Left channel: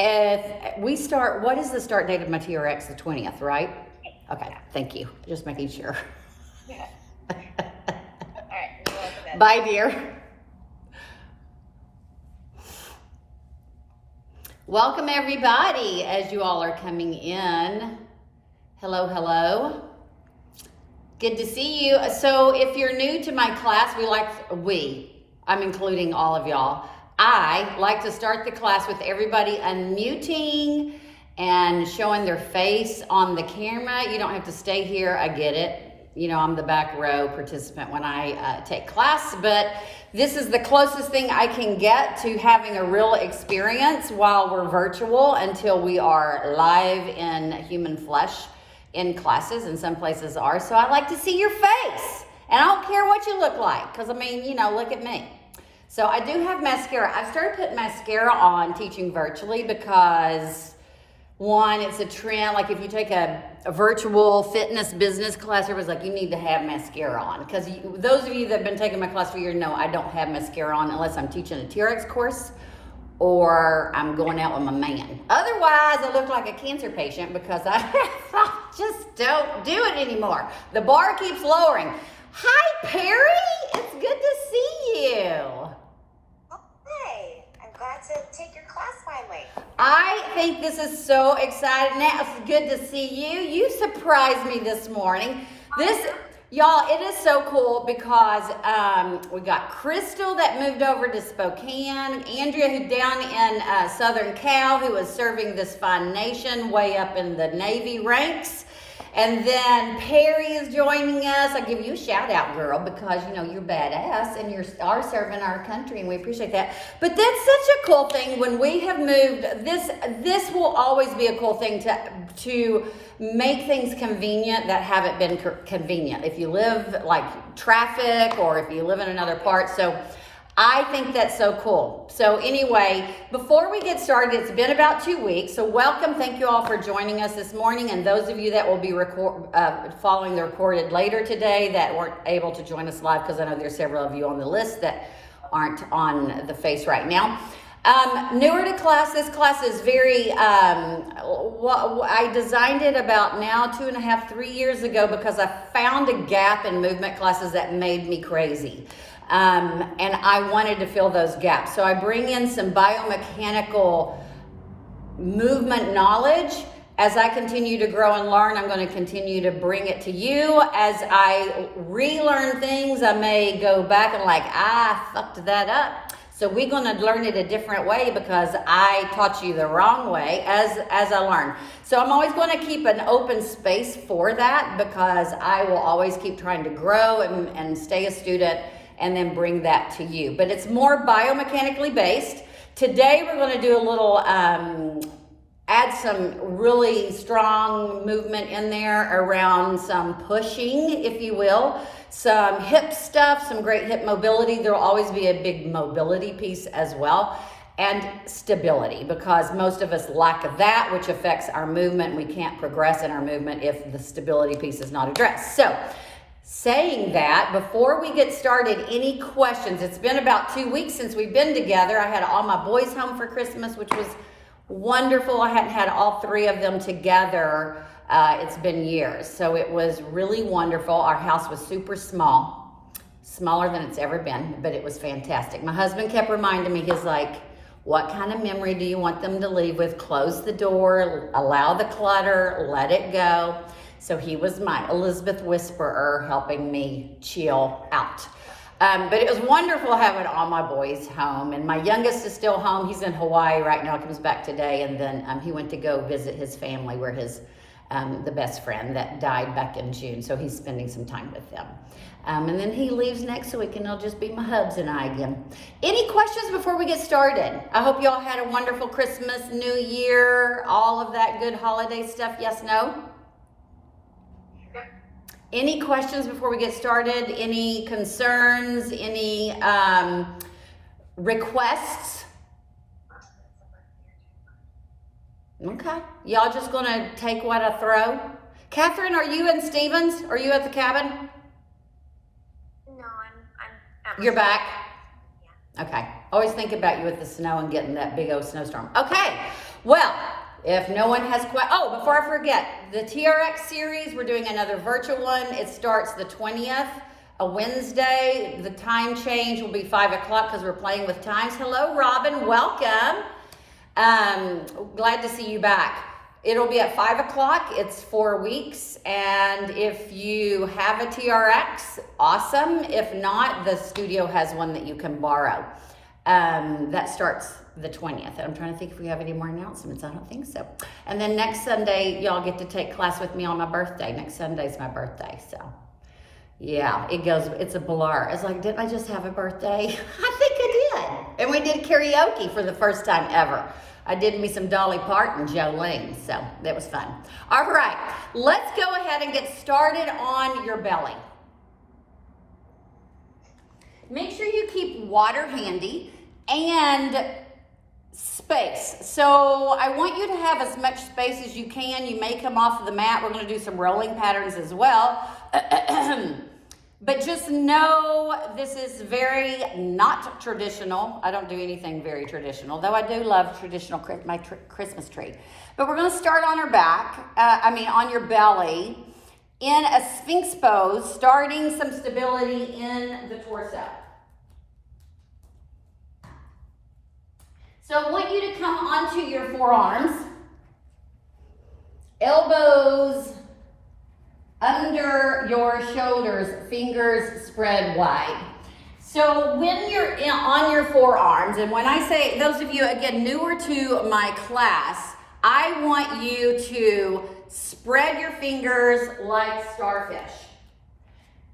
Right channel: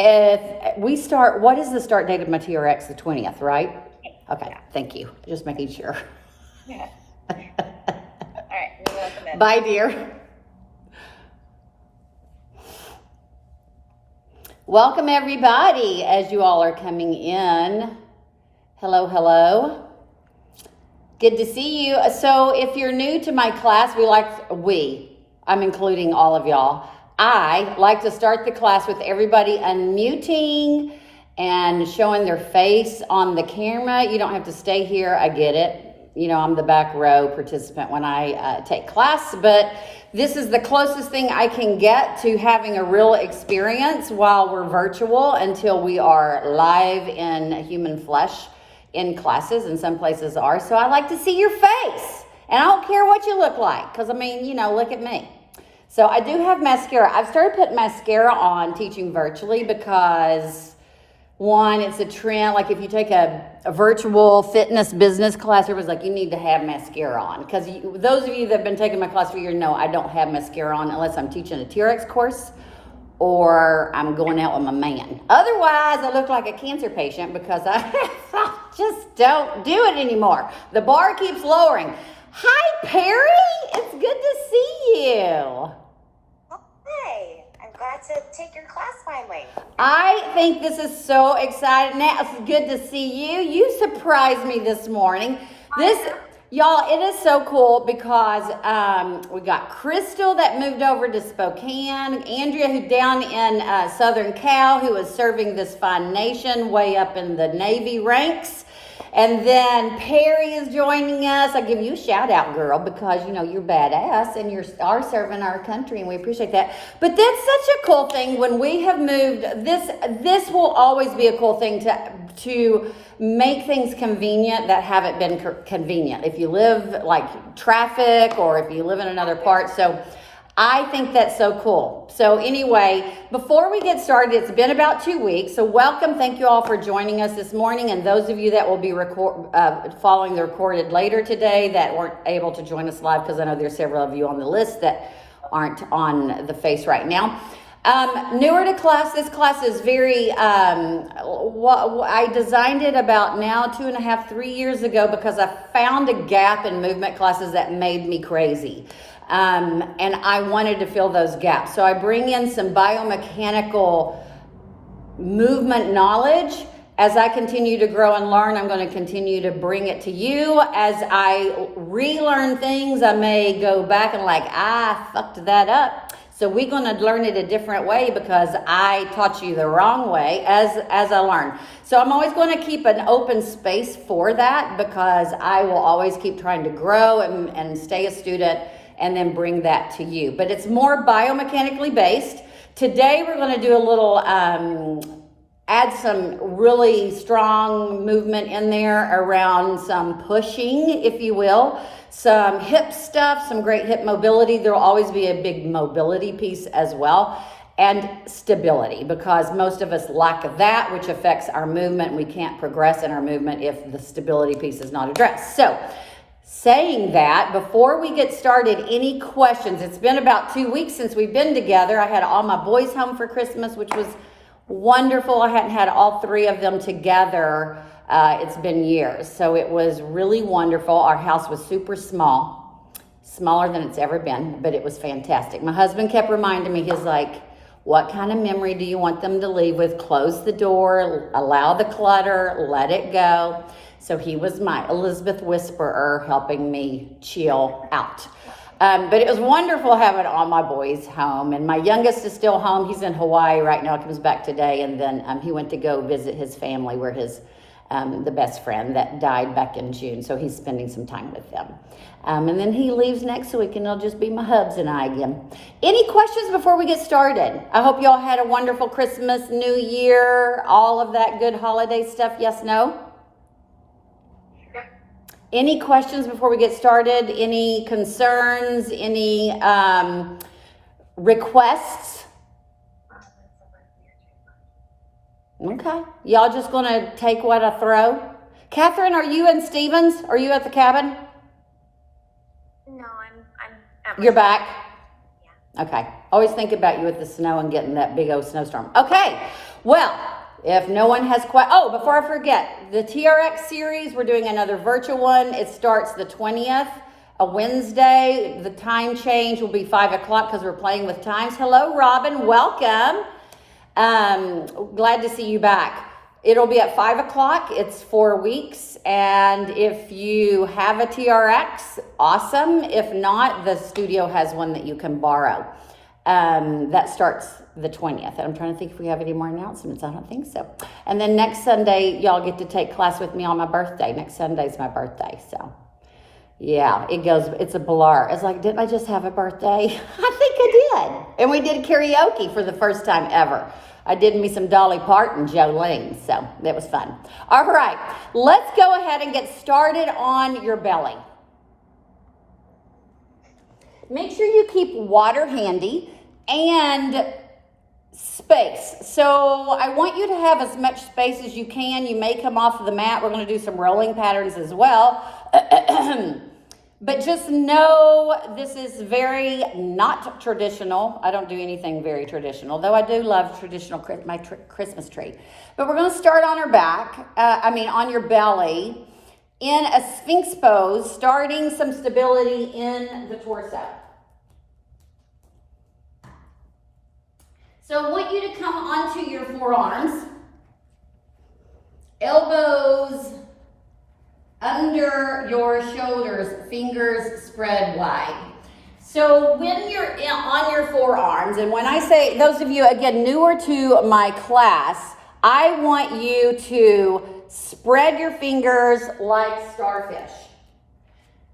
If we start, what is the start date of my TRX? The 20th, right? Okay, thank you. Just making sure. Yeah. All right. Bye, dear. Welcome, everybody, as you all are coming in. Hello, hello. Good to see you. So if you're new to my class, I'm including all of y'all. I like to start the class with everybody unmuting and showing their face on the camera. You don't have to stay here. I get it. You know, I'm the back row participant when I take class, but this is the closest thing I can get to having a real experience while we're virtual until we are live in human flesh in classes, and some places are. So I like to see your face, and I don't care what you look like, because I mean, you know, look at me. So I do have mascara. I've started putting mascara on teaching virtually because, one, it's a trend. Like if you take a virtual fitness business class, everybody's like, you need to have mascara on. Because those of you that have been taking my class for years know I don't have mascara on unless I'm teaching a TRX course or I'm going out with my man. Otherwise, I look like a cancer patient because I just don't do it anymore. The bar keeps lowering. Hi, Perry. It's good to see you. Hi. I'm glad to take your class finally. I think this is so exciting. Now, it's good to see you. You surprised me this morning. Y'all, it is so cool because we got Crystal that moved over to Spokane, Andrea who's down in Southern Cal, who is serving this fine nation way up in the Navy ranks. And then Perry is joining us. I'll give you a shout out, girl, because you know you're badass and you are serving our country, and we appreciate that. But that's such a cool thing when we have moved. This will always be a cool thing to make things convenient that haven't been convenient. If you live like traffic or if you live in another part, so I think that's so cool. So anyway, before we get started, it's been about 2 weeks. So welcome. Thank you all for joining us this morning. And those of you that will be following the recorded later today that weren't able to join us live, because I know there's several of you on the list that aren't on the face right now. Newer to class, this class is very, I designed it about now 2.5, 3 years ago because I found a gap in movement classes that made me crazy. And I wanted to fill those gaps. So I bring in some biomechanical movement knowledge. As I continue to grow and learn, I'm going to continue to bring it to you. As I relearn things, I may go back and fucked that up. So we're going to learn it a different way because I taught you the wrong way as I learn. So I'm always going to keep an open space for that because I will always keep trying to grow and stay a student and then bring that to you. But it's more biomechanically based. Today we're going to do a little, add some really strong movement in there around some pushing, if you will, some hip stuff, some great hip mobility. There will always be a big mobility piece as well, and stability, because most of us lack that, which affects our movement. We can't progress in our movement if the stability piece is not addressed. So, saying that, before we get started, any questions? It's been about 2 weeks since we've been together. I had all my boys home for Christmas, which was wonderful. I hadn't had all three of them together. It's been years. So it was really wonderful. Our house was super small, smaller than it's ever been, but it was fantastic. My husband kept reminding me, he's like, what kind of memory do you want them to leave with? Close the door, allow the clutter, let it go. So he was my Elizabeth whisperer, helping me chill out. But it was wonderful having all my boys home. And my youngest is still home. He's in Hawaii right now. He comes back today. And then he went to go visit his family, where his the best friend that died back in June. So he's spending some time with them. And then he leaves next week, and it'll just be my hubs and I again. Any questions before we get started? I hope y'all had a wonderful Christmas, New Year, all of that good holiday stuff. Yes, no? Any questions before we get started? Any concerns? Any requests? Okay. Y'all just going to take what I throw? Catherine, are you in Stevens? Are you at the cabin? No, I'm You're back? Yeah. Okay. Always think about you with the snow and getting that big old snowstorm. Okay. Well, if no one has before I forget, the TRX series, we're doing another virtual one. It starts the 20th, a Wednesday. The time change will be 5 o'clock because we're playing with times. Hello, Robin. Welcome. Glad to see you back. It'll be at 5 o'clock. It's 4 weeks. And if you have a TRX, awesome. If not, the studio has one that you can borrow. That starts the 20th. I'm trying to think if we have any more announcements. I don't think so. And then next Sunday, y'all get to take class with me on my birthday. Next Sunday's my birthday. So, yeah, it's a blur. It's like, didn't I just have a birthday? I think I did. And we did karaoke for the first time ever. I did me some Dolly Parton, Jolene. So, that was fun. All right, let's go ahead and get started on your belly. Make sure you keep water handy and space. So I want you to have as much space as you can. You may come off of the mat. We're going to do some rolling patterns as well. But just know this is very not traditional. I don't do anything very traditional, though I do love traditional, my Christmas tree. But we're going to start on our back, on your belly, in a Sphinx Pose, starting some stability in the torso. So I want you to come onto your forearms, elbows under your shoulders, fingers spread wide. So when you're on your forearms, and when I say, those of you, again, newer to my class, I want you to spread your fingers like starfish.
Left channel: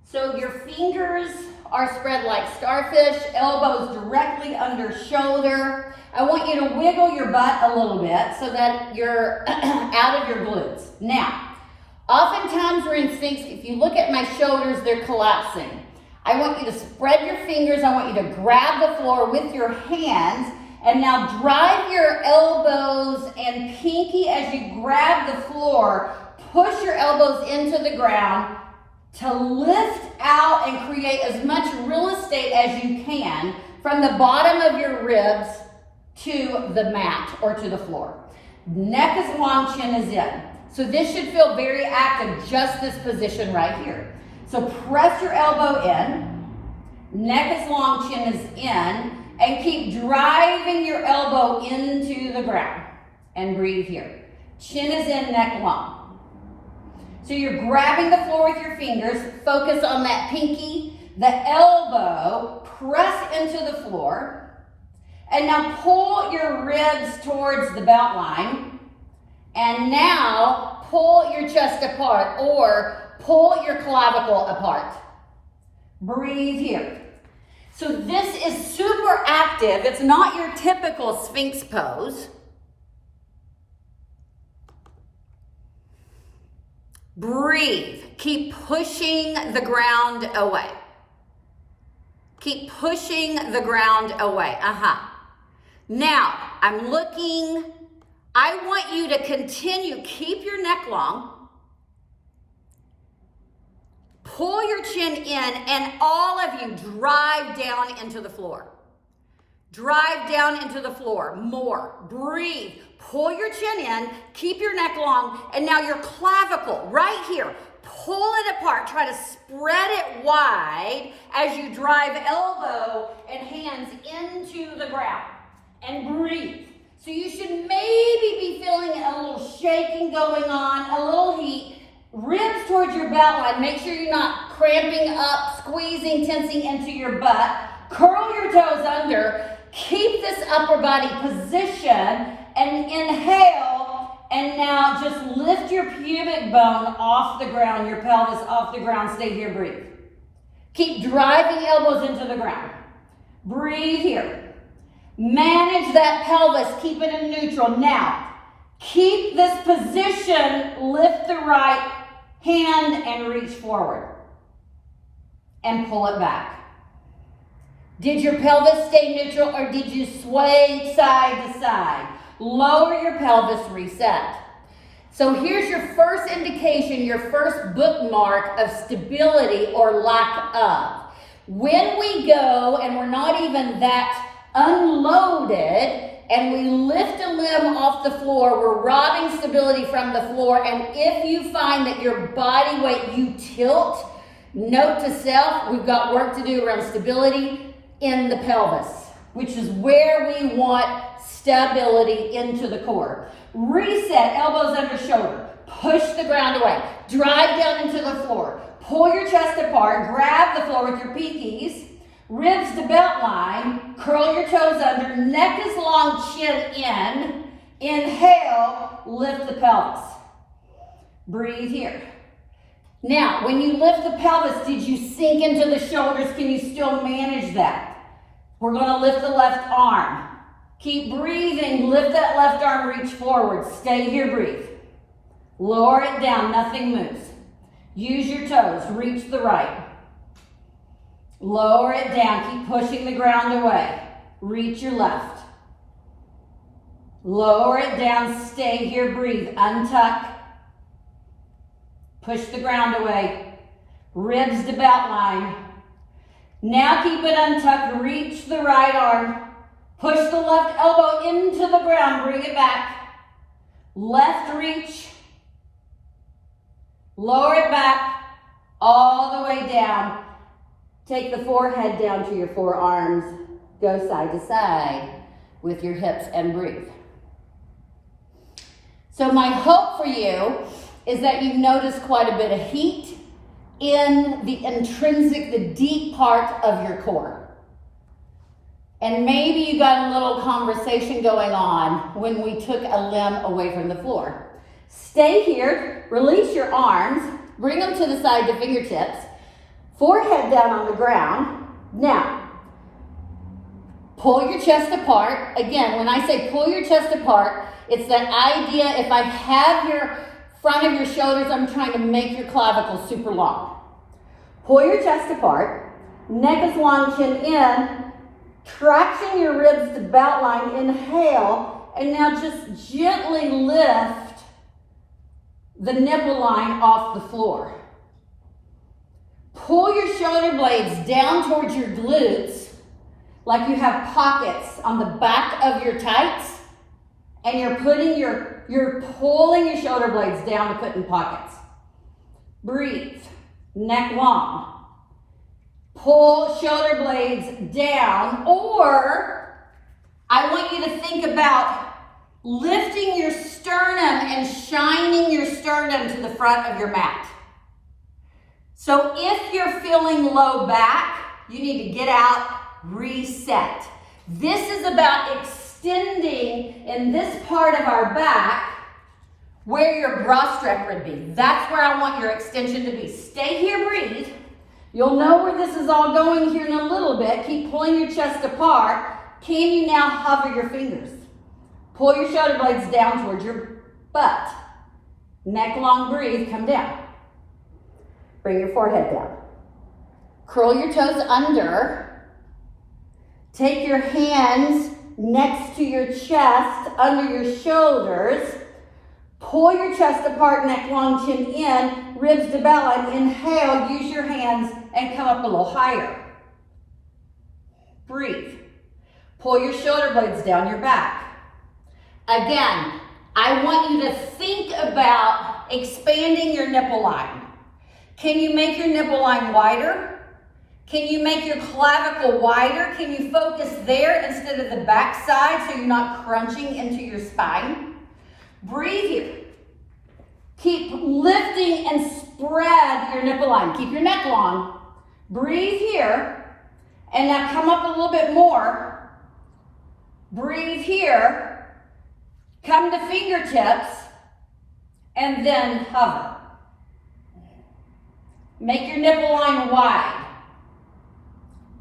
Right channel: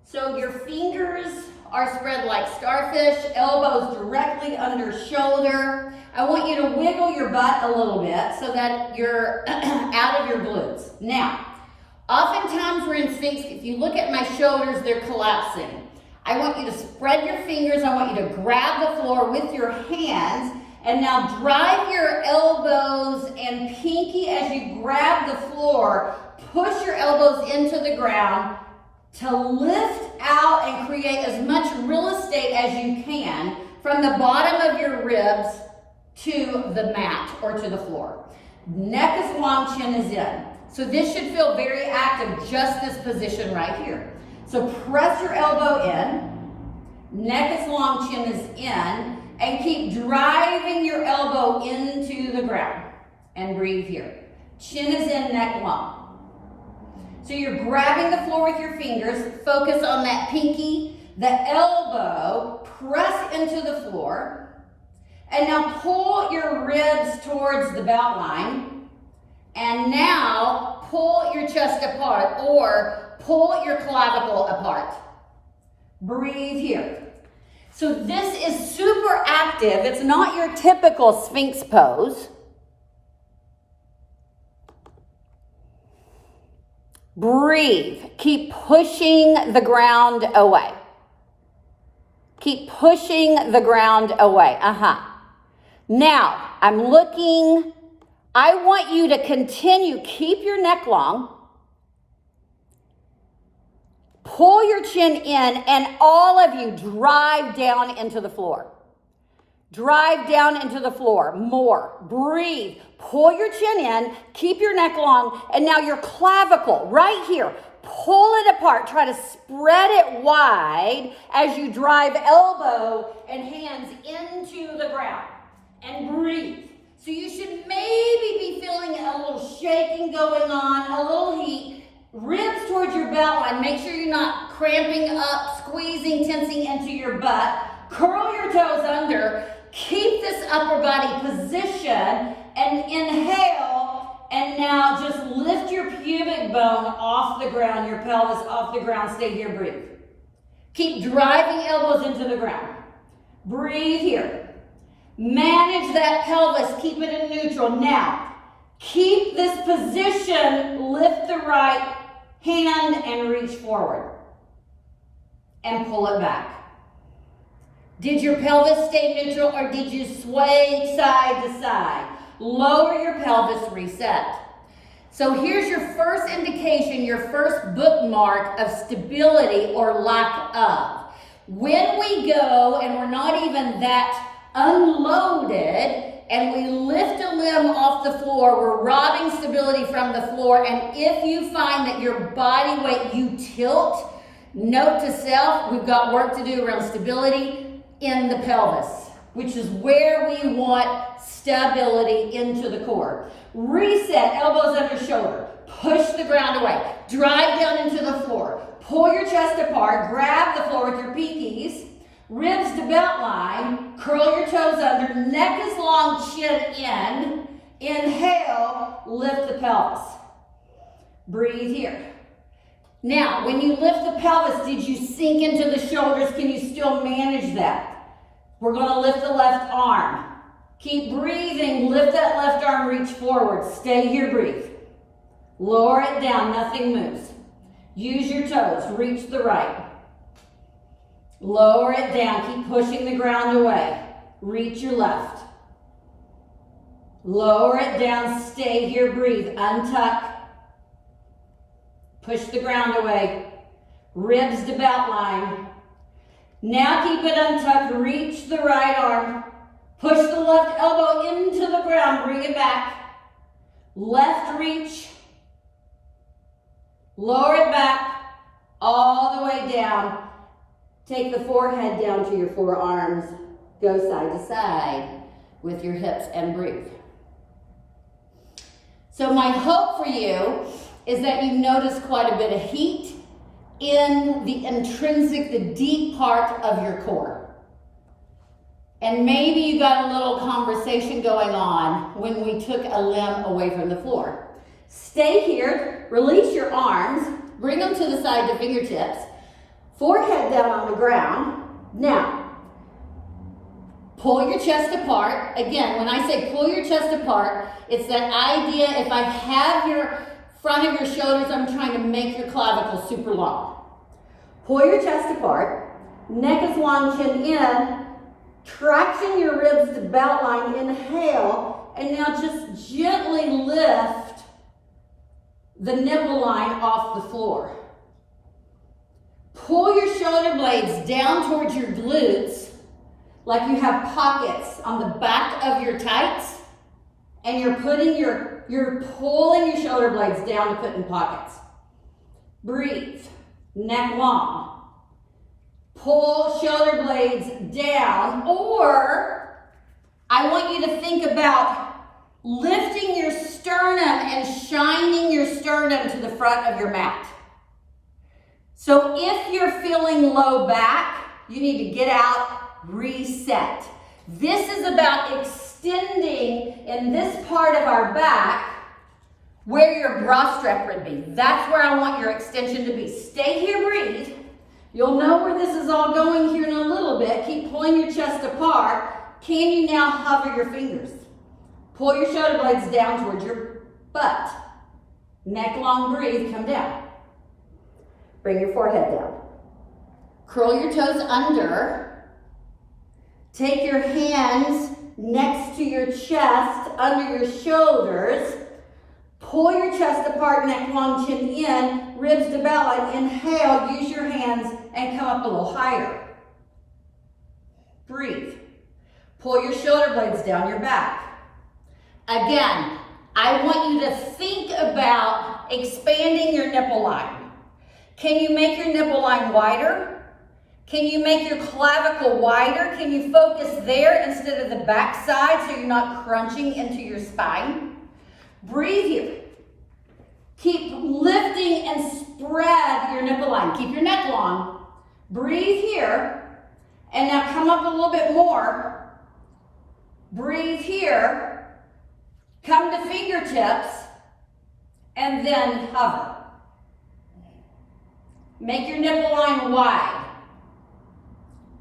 So your fingers are spread like starfish, elbows directly under shoulder. I want you to wiggle your butt a little bit so that you're out of your glutes. Now, oftentimes we're in Sphinx. If you look at my shoulders, they're collapsing. I want you to spread your fingers. I want you to grab the floor with your hands. And now drive your elbows and pinky as you grab the floor. Push your elbows into the ground to lift out and create as much real estate as you can from the bottom of your ribs to the mat or to the floor. Neck is long, chin is in. So this should feel very active, just this position right here. So press your elbow in, neck is long, chin is in, and keep driving your elbow into the ground. And breathe here. Chin is in, neck long. So you're grabbing the floor with your fingers, focus on that pinky, the elbow, press into the floor. And now pull your ribs towards the belt line. And now pull your chest apart or pull your clavicle apart. Breathe here. So this is super active. It's not your typical Sphinx pose. Breathe. Keep pushing the ground away. Keep pushing the ground away. Now, I want you to continue, keep your neck long, pull your chin in, and all of you drive down into the floor. Drive down into the floor, more, breathe, pull your chin in, keep your neck long, and now your clavicle, right here, pull it apart, try to spread it wide as you drive elbow and hands into the ground. And breathe. So you should maybe be feeling a little shaking going on, a little heat. Ribs towards your belt line. Make sure you're not cramping up, squeezing, tensing into your butt. Curl your toes under. Keep this upper body position and inhale. And now just lift your pubic bone off the ground, your pelvis off the ground. Stay here, breathe. Keep driving elbows into the ground. Breathe here. Manage that pelvis, keep it in neutral. Now, keep this position, lift the right hand and reach forward. And pull it back. Did your pelvis stay neutral or did you sway side to side? Lower your pelvis, reset. So here's your first indication, your first bookmark of stability or lack of. When we go and we're not even that unloaded and we lift a limb off the floor. We're robbing stability from the floor. And if you find that your body weight, you tilt, note to self, we've got work to do around stability in the pelvis, which is where we want stability into the core. Reset, elbows under shoulder. Push the ground away. Drive down into the floor. Pull your chest apart. Grab the floor with your pinkies. Ribs to belt line. Curl your toes under. Neck is long, chin in. Inhale, lift the pelvis. Breathe here. Now, when you lift the pelvis, did you sink into the shoulders? Can you still manage that? We're going to lift the left arm. Keep breathing. Lift that left arm, reach forward. Stay here, breathe. Lower it down, nothing moves. Use your toes, reach the right. Lower it down, keep pushing the ground away. Reach your left. Lower it down, stay here, breathe. Untuck. Push the ground away. Ribs to belt line. Now keep it untucked, reach the right arm. Push the left elbow into the ground, bring it back. Left reach. Lower it back, all the way down. Take the forehead down to your forearms. Go side to side with your hips and breathe. So my hope for you is that you notice quite a bit of heat in the intrinsic, the deep part of your core. And maybe you got a little conversation going on when we took a limb away from the floor. Stay here, release your arms, bring them to the side to fingertips, forehead down on the ground. Now, pull your chest apart. Again, when I say pull your chest apart, it's that idea, if I have your front of your shoulders, I'm trying to make your clavicle super long. Pull your chest apart, neck is long, chin in, traction your ribs to belt line, inhale, and now just gently lift the nipple line off the floor. Pull your shoulder blades down towards your glutes like you have pockets on the back of your tights, and you're pulling your shoulder blades down to put in pockets. Breathe, neck long. Pull shoulder blades down, or I want you to think about lifting your sternum and shining your sternum to the front of your mat. So if you're feeling low back, you need to get out, reset. This is about extending in this part of our back where your bra strap would be. That's where I want your extension to be. Stay here, breathe. You'll know where this is all going here in a little bit. Keep pulling your chest apart. Can you now hover your fingers? Pull your shoulder blades down towards your butt. Neck long, breathe, come down. Bring your forehead down. Curl your toes under. Take your hands next to your chest, under your shoulders. Pull your chest apart, neck long, chin in, ribs to belt line. Inhale, use your hands and come up a little higher. Breathe. Pull your shoulder blades down your back. Again, I want you to think about expanding your nipple line. Can you make your nipple line wider? Can you make your clavicle wider? Can you focus there instead of the back side so you're not crunching into your spine? Breathe here. Keep lifting and spread your nipple line. Keep your neck long. Breathe here. And now come up a little bit more. Breathe here. Come to fingertips. And then hover. Make your nipple line wide.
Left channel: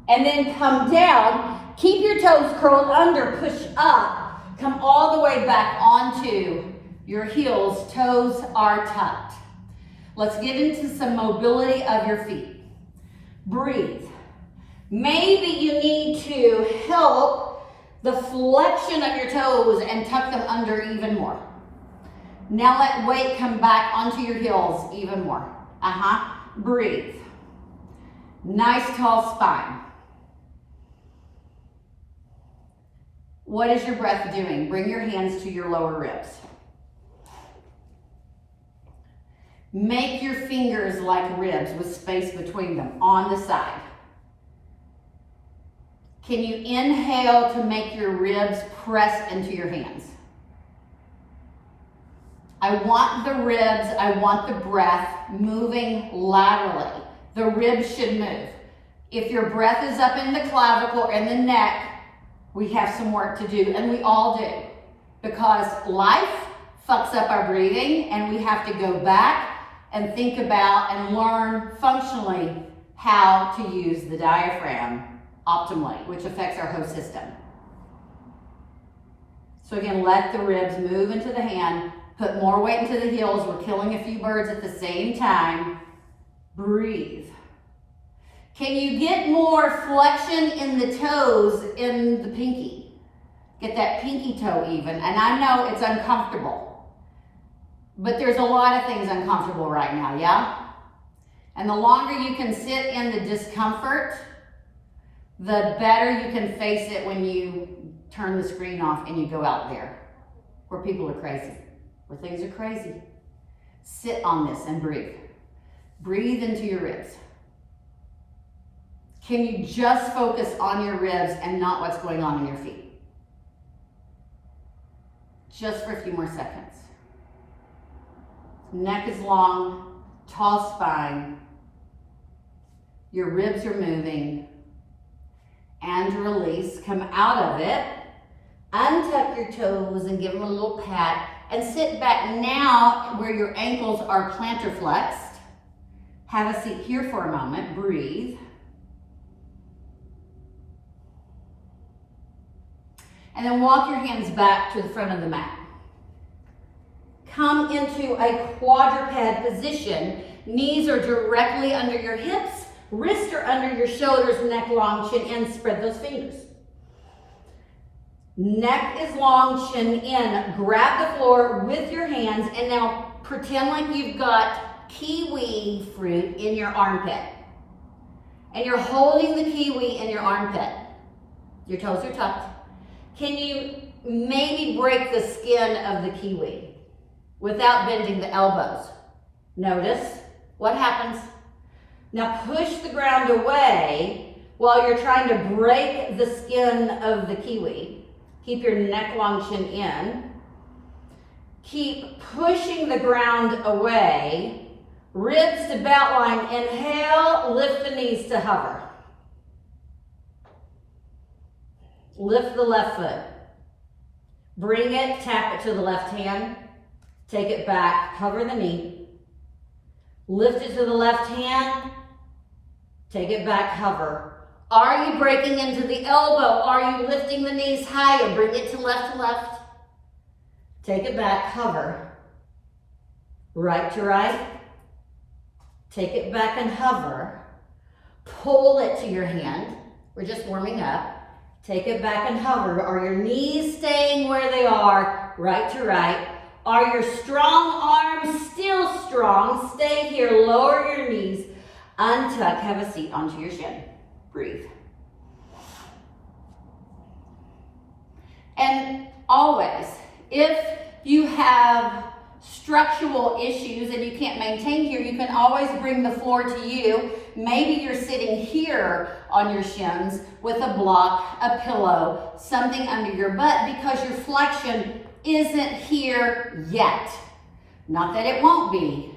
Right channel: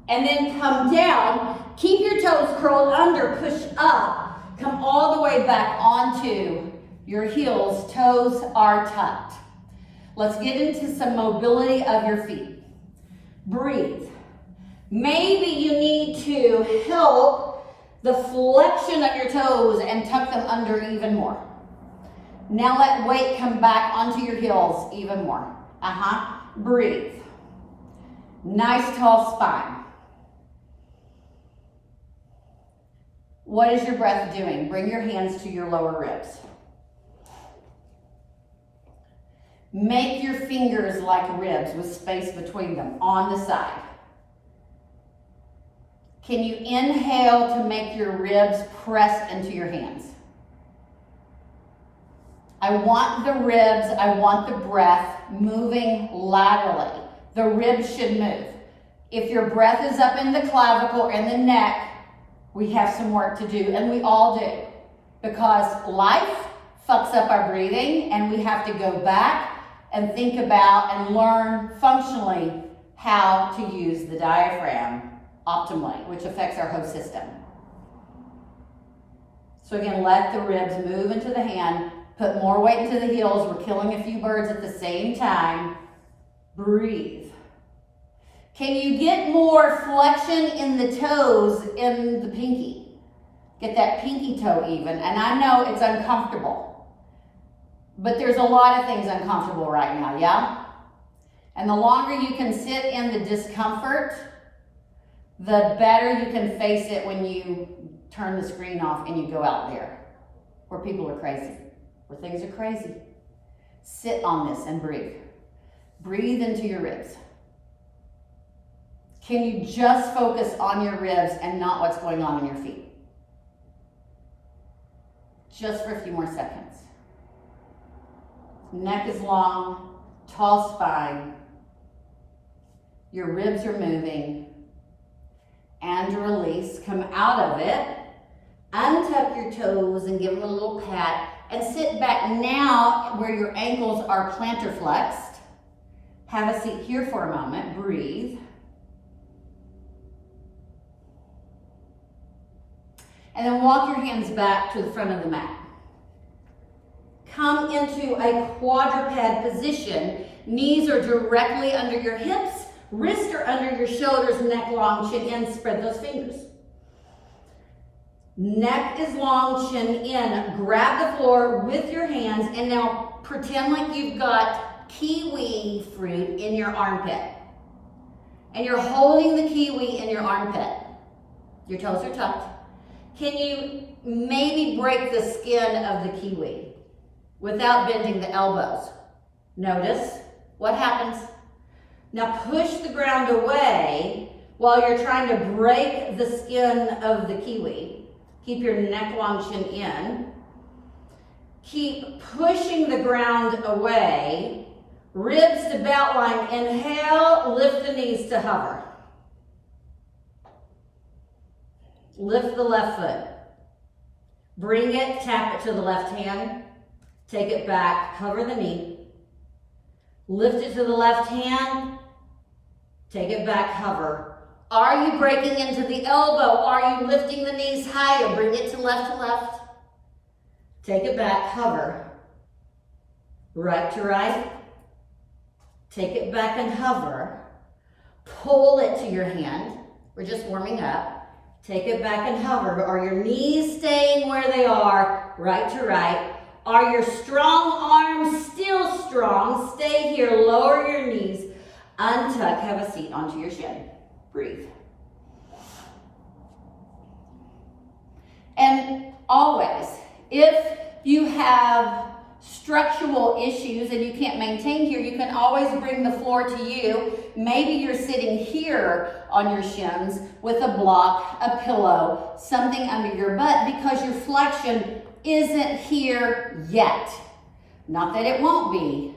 And then come down. Keep your toes curled under. Push up. Come all the way back onto your heels. Toes are tucked. Let's get into some mobility of your feet. Breathe. Maybe you need to help the flexion of your toes and tuck them under even more. Now let weight come back onto your heels even more. Breathe. Nice tall spine. What is your breath doing? Bring your hands to your lower ribs. Make your fingers like ribs with space between them on the side. Can you inhale to make your ribs press into your hands? I want the ribs, I want the breath moving laterally. The ribs should move. If your breath is up in the clavicle or in the neck, we have some work to do, and we all do. Because life fucks up our breathing, and we have to go back and think about and learn functionally how to use the diaphragm optimally, which affects our whole system. So again, let the ribs move into the hand, put more weight into the heels. We're killing a few birds at the same time. Breathe. Can you get more flexion in the toes in the pinky? Get that pinky toe even. And I know it's uncomfortable, but there's a lot of things uncomfortable right now, yeah? And the longer you can sit in the discomfort, the better you can face it when you turn the screen off and you go out there where people are crazy, where things are crazy. Sit on this and breathe. Breathe into your ribs. Can you just focus on your ribs and not what's going on in your feet? Just for a few more seconds. Neck is long, tall spine. Your ribs are moving. And release. Come out of it. Untuck your toes and give them a little pat. And sit back now where your ankles are plantar flexed. Have a seat here for a moment. Breathe. And then walk your hands back to the front of the mat. Come into a quadruped position. Knees are directly under your hips. Wrists are under your shoulders, neck long, chin in. Spread those fingers. Neck is long, chin in. Grab the floor with your hands and now pretend like you've got kiwi fruit in your armpit. And you're holding the kiwi in your armpit. Your toes are tucked. Can you maybe break the skin of the kiwi without bending the elbows? Notice what happens. Now push the ground away while you're trying to break the skin of the kiwi. Keep your neck long, chin in. Keep pushing the ground away. Ribs to belt line. Inhale, lift the knees to hover. Lift the left foot. Bring it, tap it to the left hand. Take it back, hover the knee. Lift it to the left hand. Take it back, hover. Are you breaking into the elbow? Are you lifting the knees higher? Bring it to left. Take it back, hover. Right to right. Take it back and hover. Pull it to your hand. We're just warming up. Take it back and hover. Are your knees staying where they are? Right to right. Are your strong arms still strong? Stay here. Lower your knees. Untuck. Have a seat onto your shin. Breathe. And always, if you have structural issues and you can't maintain here, you can always bring the floor to you. Maybe you're sitting here on your shins with a block, a pillow, something under your butt because your flexion isn't here yet. Not that it won't be,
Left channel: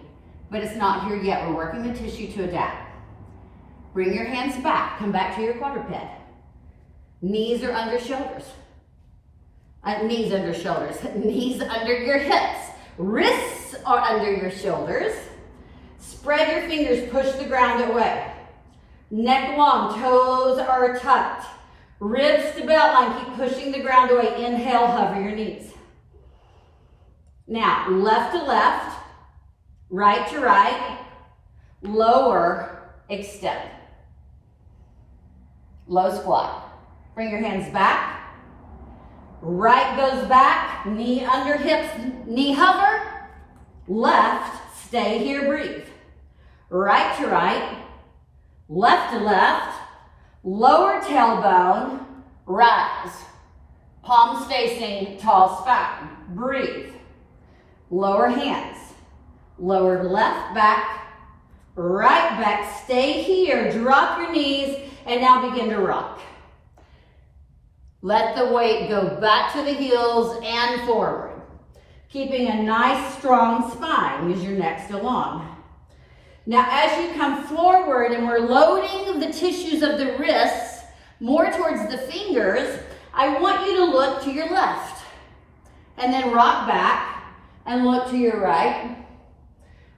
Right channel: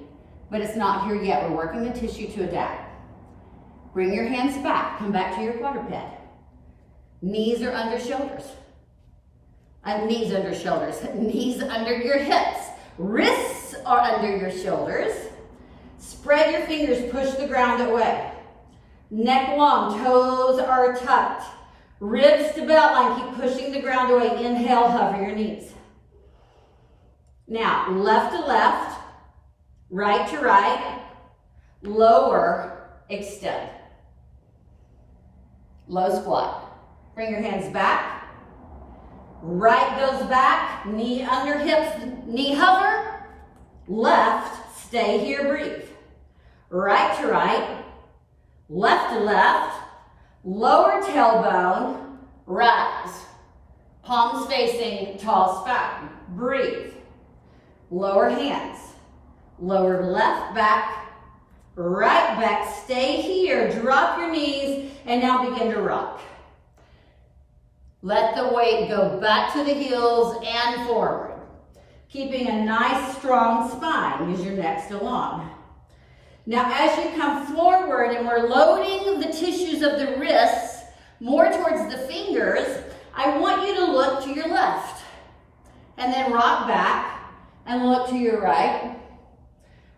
but it's not here yet. We're working the tissue to adapt. Bring your hands back. Come back to your quadruped. Knees are under shoulders. Knees under shoulders. Knees under your hips. Wrists are under your shoulders. Spread your fingers, push the ground away. Neck long, toes are tucked. Ribs to belt line, keep pushing the ground away. Inhale, hover your knees. Now, left to left, right to right, lower, extend. Low squat. Bring your hands back. Right goes back, knee under hips, knee hover. Left, stay here, breathe. Right to right, left to left, lower tailbone, rise. Palms facing tall spine. Breathe. Lower hands. Lower left back, right back. Stay here. Drop your knees and now begin to rock. Let the weight go back to the heels and forward. Keeping a nice strong spine. Use your neck still long. Now as you come forward and we're loading the tissues of the wrists more towards the fingers, I want you to look to your left. And then rock back and look to your right.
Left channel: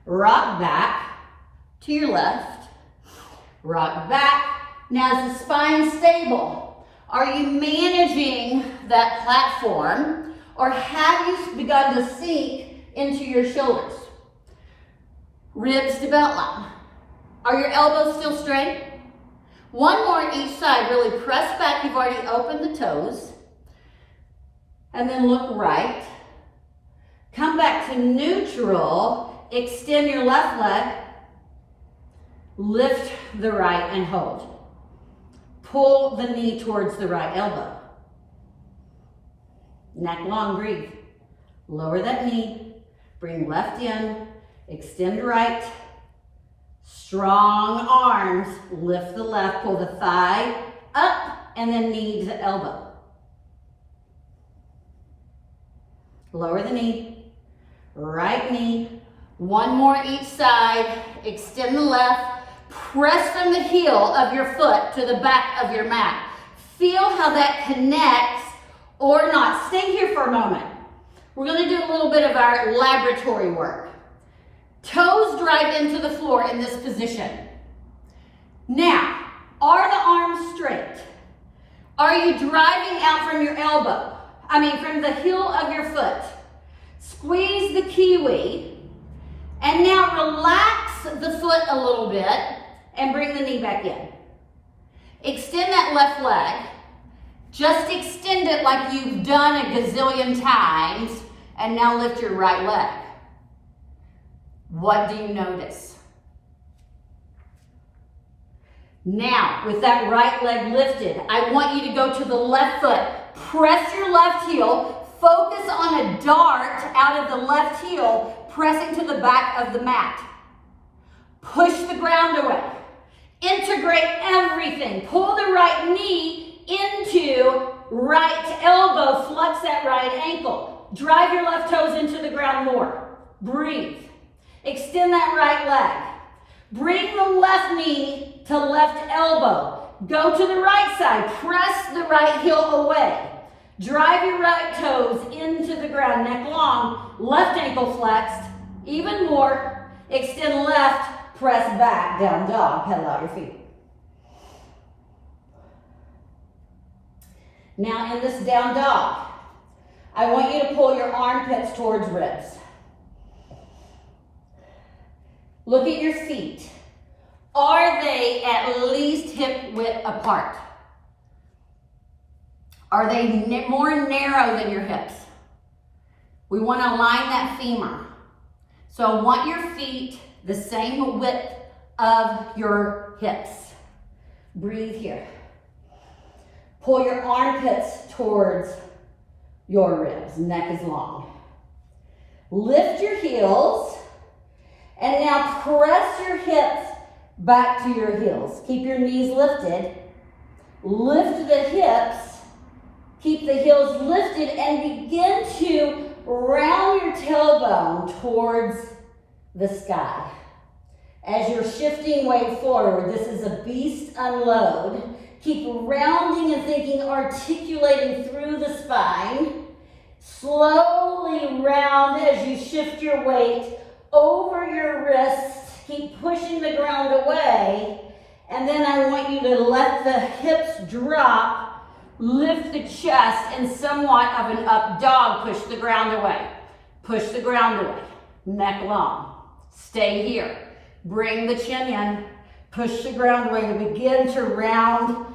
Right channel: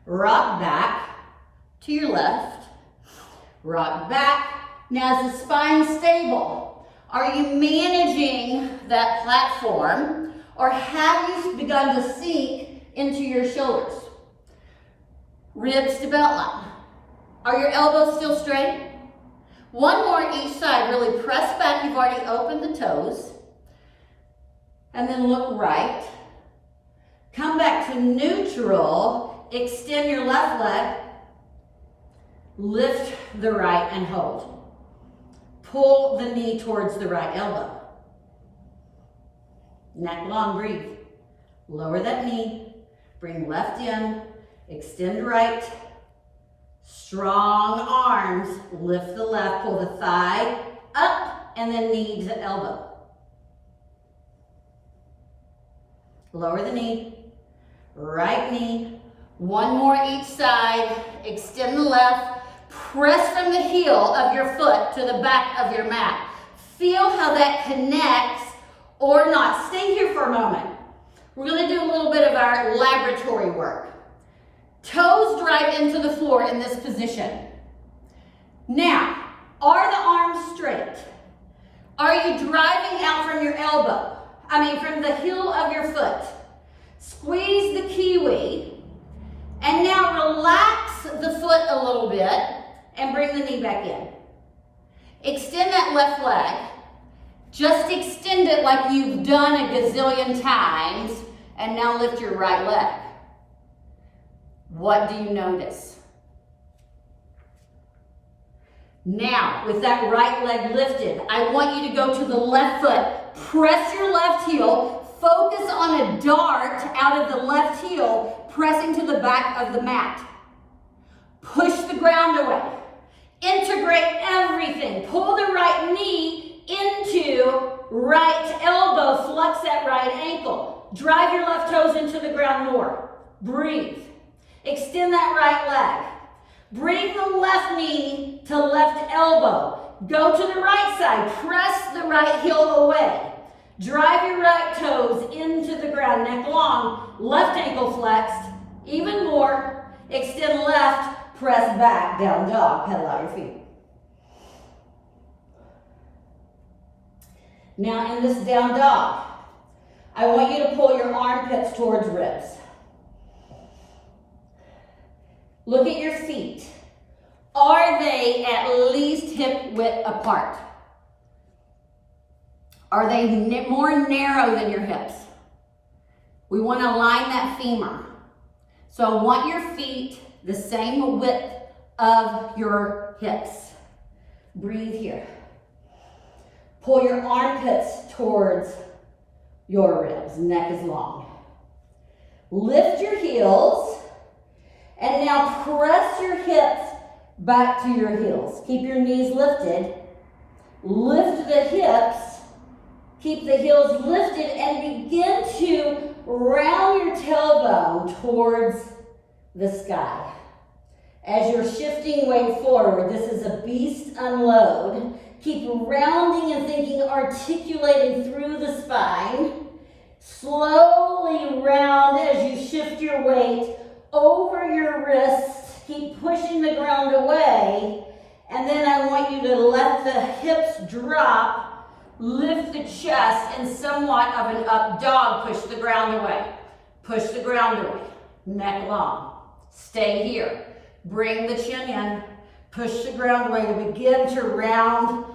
Rock back to your left. Rock back. Now is the spine stable? Are you managing that platform, or have you begun to sink into your shoulders? Ribs to belt line. Are your elbows still straight? One more each side. Really press back. You've already opened the toes. And then look right. Come back to neutral. Extend your left leg. Lift the right and hold. Pull the knee towards the right elbow. Neck long, breathe. Lower that knee. Bring left in. Extend right. Strong arms. Lift the left. Pull the thigh up and then knee to elbow. Lower the knee. Right knee. One more each side. Extend the left. Press from the heel of your foot to the back of your mat. Feel how that connects or not. Stay here for a moment. We're going to do a little bit of our laboratory work. Toes drive into the floor in this position. Now, are the arms straight? Are you driving out from your elbow? From the heel of your foot. Squeeze the kiwi. And now relax the foot a little bit and bring the knee back in. Extend that left leg. Just extend it like you've done a gazillion times, and now lift your right leg. What do you notice? Now, with that right leg lifted, I want you to go to the left foot. Press your left heel. Focus on a dart out of the left heel, pressing to the back of the mat. Push the ground away. Integrate everything. Pull the right knee into right elbow. Flex that right ankle. Drive your left toes into the ground more. Breathe. Extend that right leg. Bring the left knee to left elbow. Go to the right side. Press the right heel away. Drive your right toes into the ground, neck long, left ankle flexed, even more. Extend left, press back, down dog, pedal out your feet. Now in this down dog, I want you to pull your armpits towards ribs. Look at your feet. Are they at least hip width apart? Are they more narrow than your hips? We want to align that femur. So I want your feet the same width of your hips. Breathe here. Pull your armpits towards your ribs. Neck is long. Lift your heels. And now press your hips back to your heels. Keep your knees lifted. Lift the hips. Keep the heels lifted and begin to round your tailbone towards the sky. As you're shifting weight forward, this is a beast unload. Keep rounding and thinking, articulating through the spine. Slowly round as you shift your weight over your wrists. Keep pushing the ground away. And then I want you to let the hips drop. Lift the chest and somewhat of an up dog. Push the ground away. Push the ground away. Neck long. Stay here. Bring the chin in. Push the ground away to begin to round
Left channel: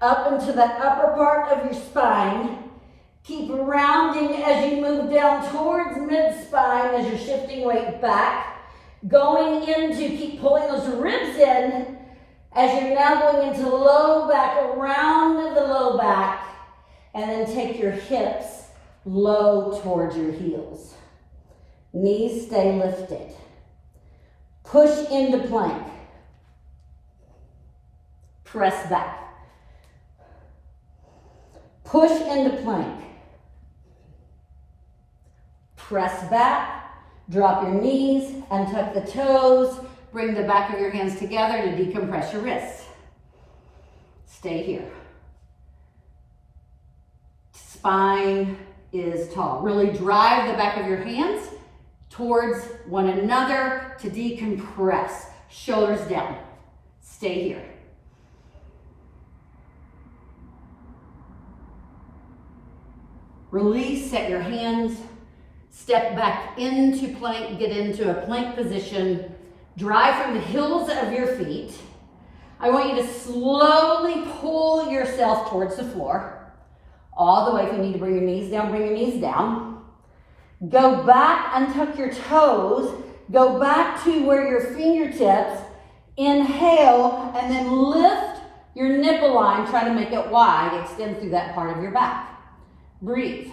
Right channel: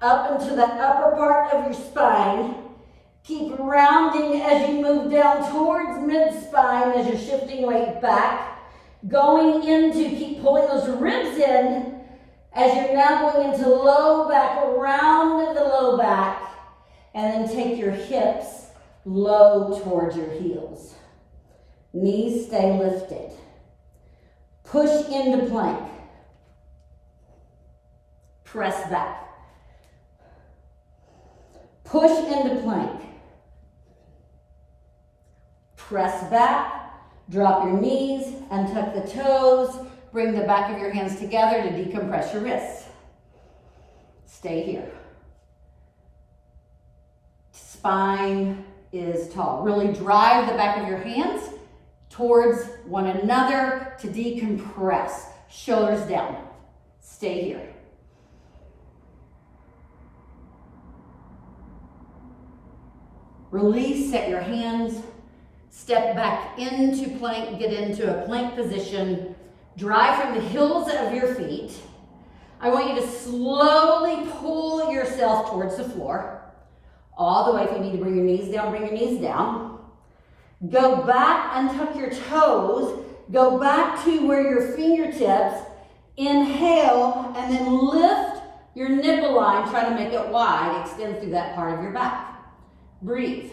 up into the upper part of your spine. Keep rounding as you move down towards mid-spine as you're shifting weight back. Going into, keep pulling those ribs in as you're now going into low back, around the low back. And then take your hips low towards your heels. Knees stay lifted. Push into plank. Press back. Push into plank. Press back. Drop your knees and tuck the toes. Bring the back of your hands together to decompress your wrists. Stay here. Spine is tall. Really drive the back of your hands towards one another to decompress. Shoulders down. Stay here. Release, set your hands, step back into plank, get into a plank position. Drive from the heels of your feet. I want you to slowly pull yourself towards the floor. All the way. If you need to bring your knees down, bring your knees down. Go back and tuck your toes. Go back to where your fingertips. Inhale and then lift your nipple line. Try to make it wide. Extend through that part of your back. Breathe.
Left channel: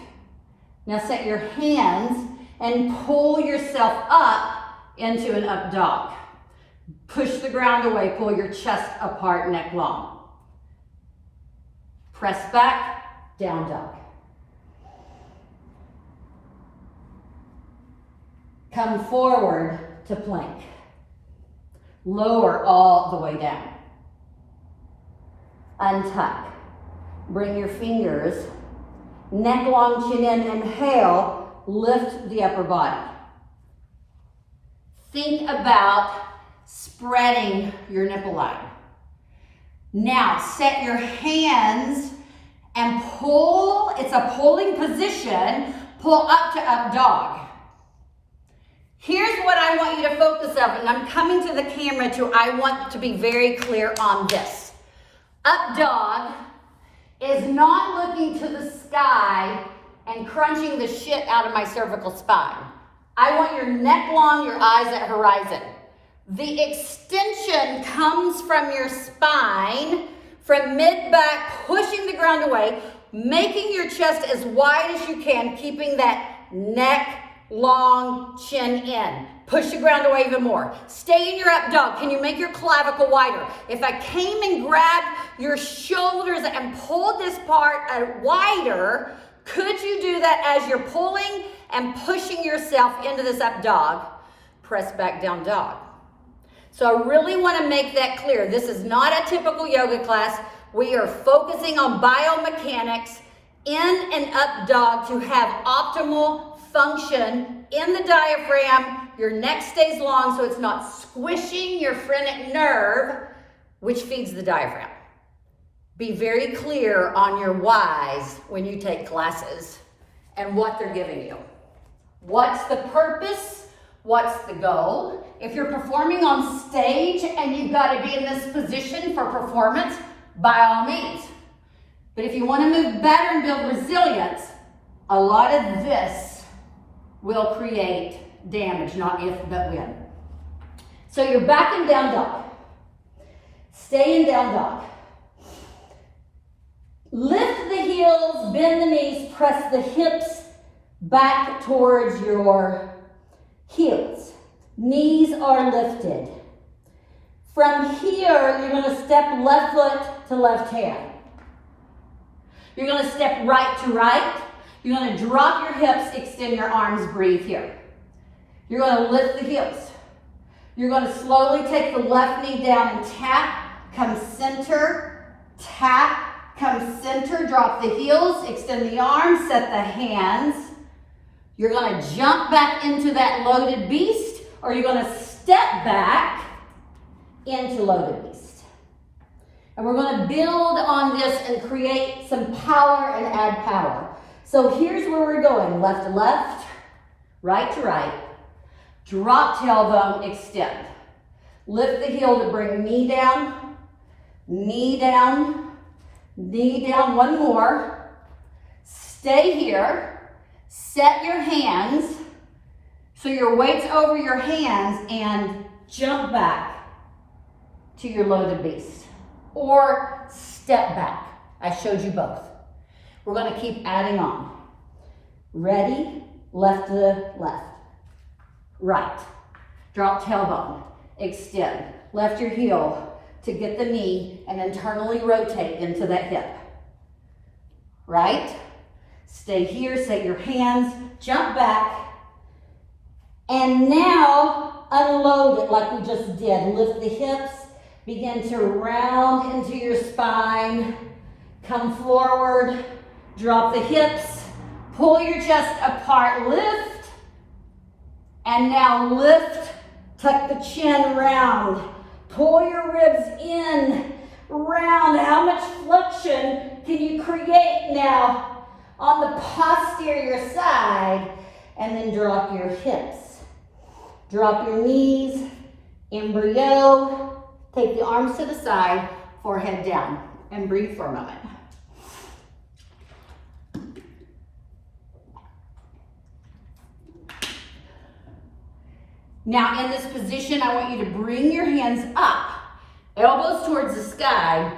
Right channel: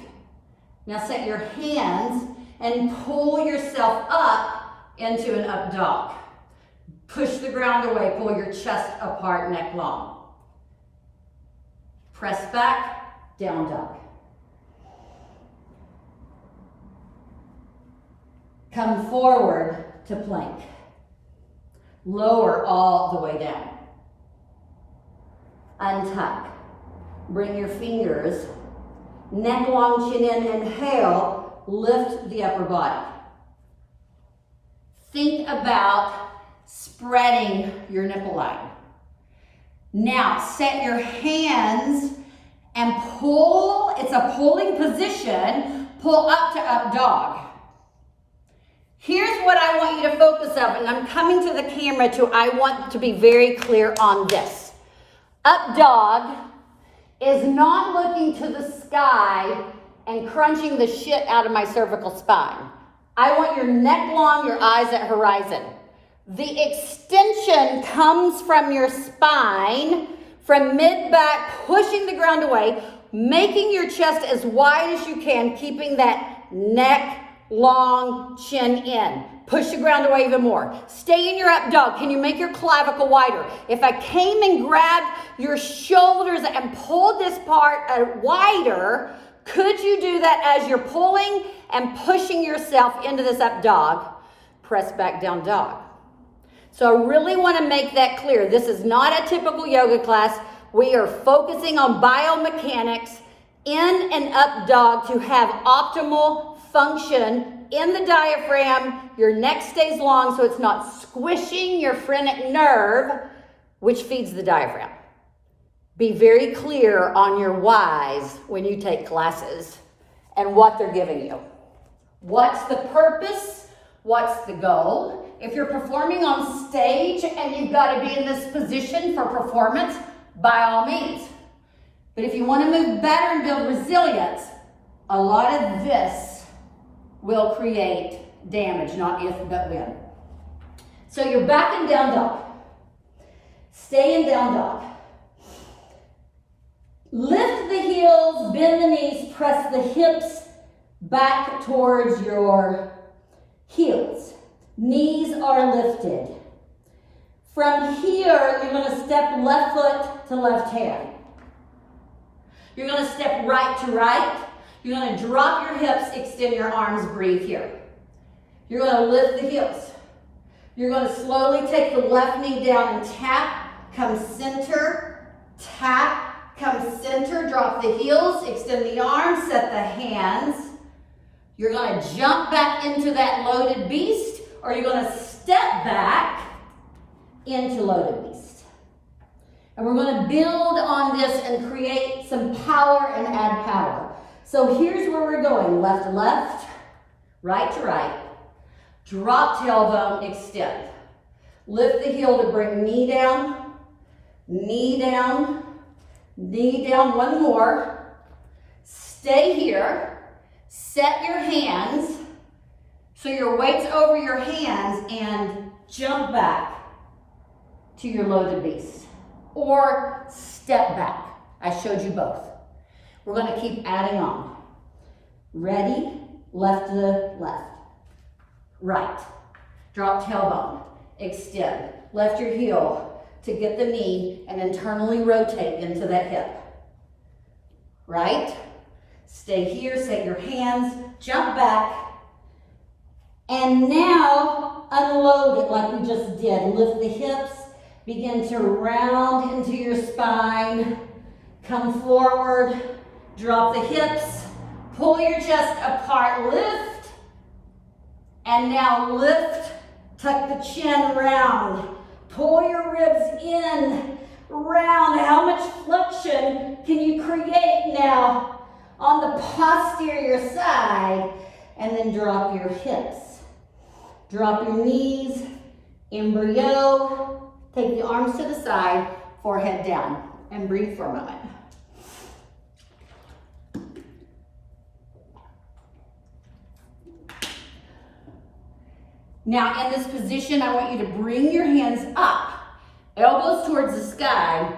Now set your hands and pull yourself up into an up dog. Push the ground away. Pull your chest apart, neck long. Press back. Down dog. Come forward to plank. Lower all the way down. Untuck. Bring your fingers, neck long, chin in, inhale, lift the upper body. Think about spreading your nipple line. Now set your hands and pull. It's a pulling position. Pull up to up dog. Here's what I want you to focus on, and I'm coming to the camera too. I want to be very clear on this. Up dog is not looking to the sky and crunching the shit out of my cervical spine. I want your neck long, your eyes at horizon. The extension comes from your spine, from mid-back, pushing the ground away, making your chest as wide as you can, keeping that neck long, chin in. Push the ground away even more. Stay in your up dog. Can you make your clavicle wider? If I came and grabbed your shoulders and pulled this part wider, could you do that as you're pulling and pushing yourself into this up dog? Press back down dog. So I really want to make that clear. This is not a typical yoga class. We are focusing on biomechanics in an up dog to have optimal function in the diaphragm. Your neck stays long so it's not squishing your phrenic nerve, which feeds the diaphragm. Be very clear on your whys when you take classes and what they're giving you. What's the purpose? What's the goal? If you're performing on stage and you've got to be in this position for performance, by all means. But if you want to move better and build resilience, a lot of this will create damage, not if, but when. So you're back in down dog. Stay in down dog. Lift the heels, bend the knees, press the hips back towards your heels. Knees are lifted. From here, you're going to step left foot to left hand. You're going to step right to right. You're going to drop your hips, extend your arms, breathe here. You're going to lift the heels. You're going to slowly take the left knee down and tap, come center, tap, come center, drop the heels, extend the arms, set the hands. You're going to jump back into that loaded beast, or you're going to step back into loaded beast. And we're going to build on this and create some power and add power. So here's where we're going. Left to left, right to right. Drop tailbone, extend. Lift the heel to bring knee down, knee down, knee down. One more. Stay here. Set your hands so your weight's over your hands and jump back to your loaded beast. Or step back. I showed you both. We're gonna keep adding on. Ready, left to left. Right, drop tailbone, extend. Left your heel to get the knee and internally rotate into that hip. Right, stay here, set your hands, jump back, and now unload it like we just did. Lift the hips, begin to round into your spine, come forward, drop the hips, pull your chest apart, lift, and now lift, tuck the chin round, pull your ribs in, round. How much flexion can you create now on the posterior side? And then drop your hips. Drop your knees, embryo. Take the arms to the side, forehead down, and breathe for a moment. Now in this position, I want you to bring your hands up, elbows towards the sky,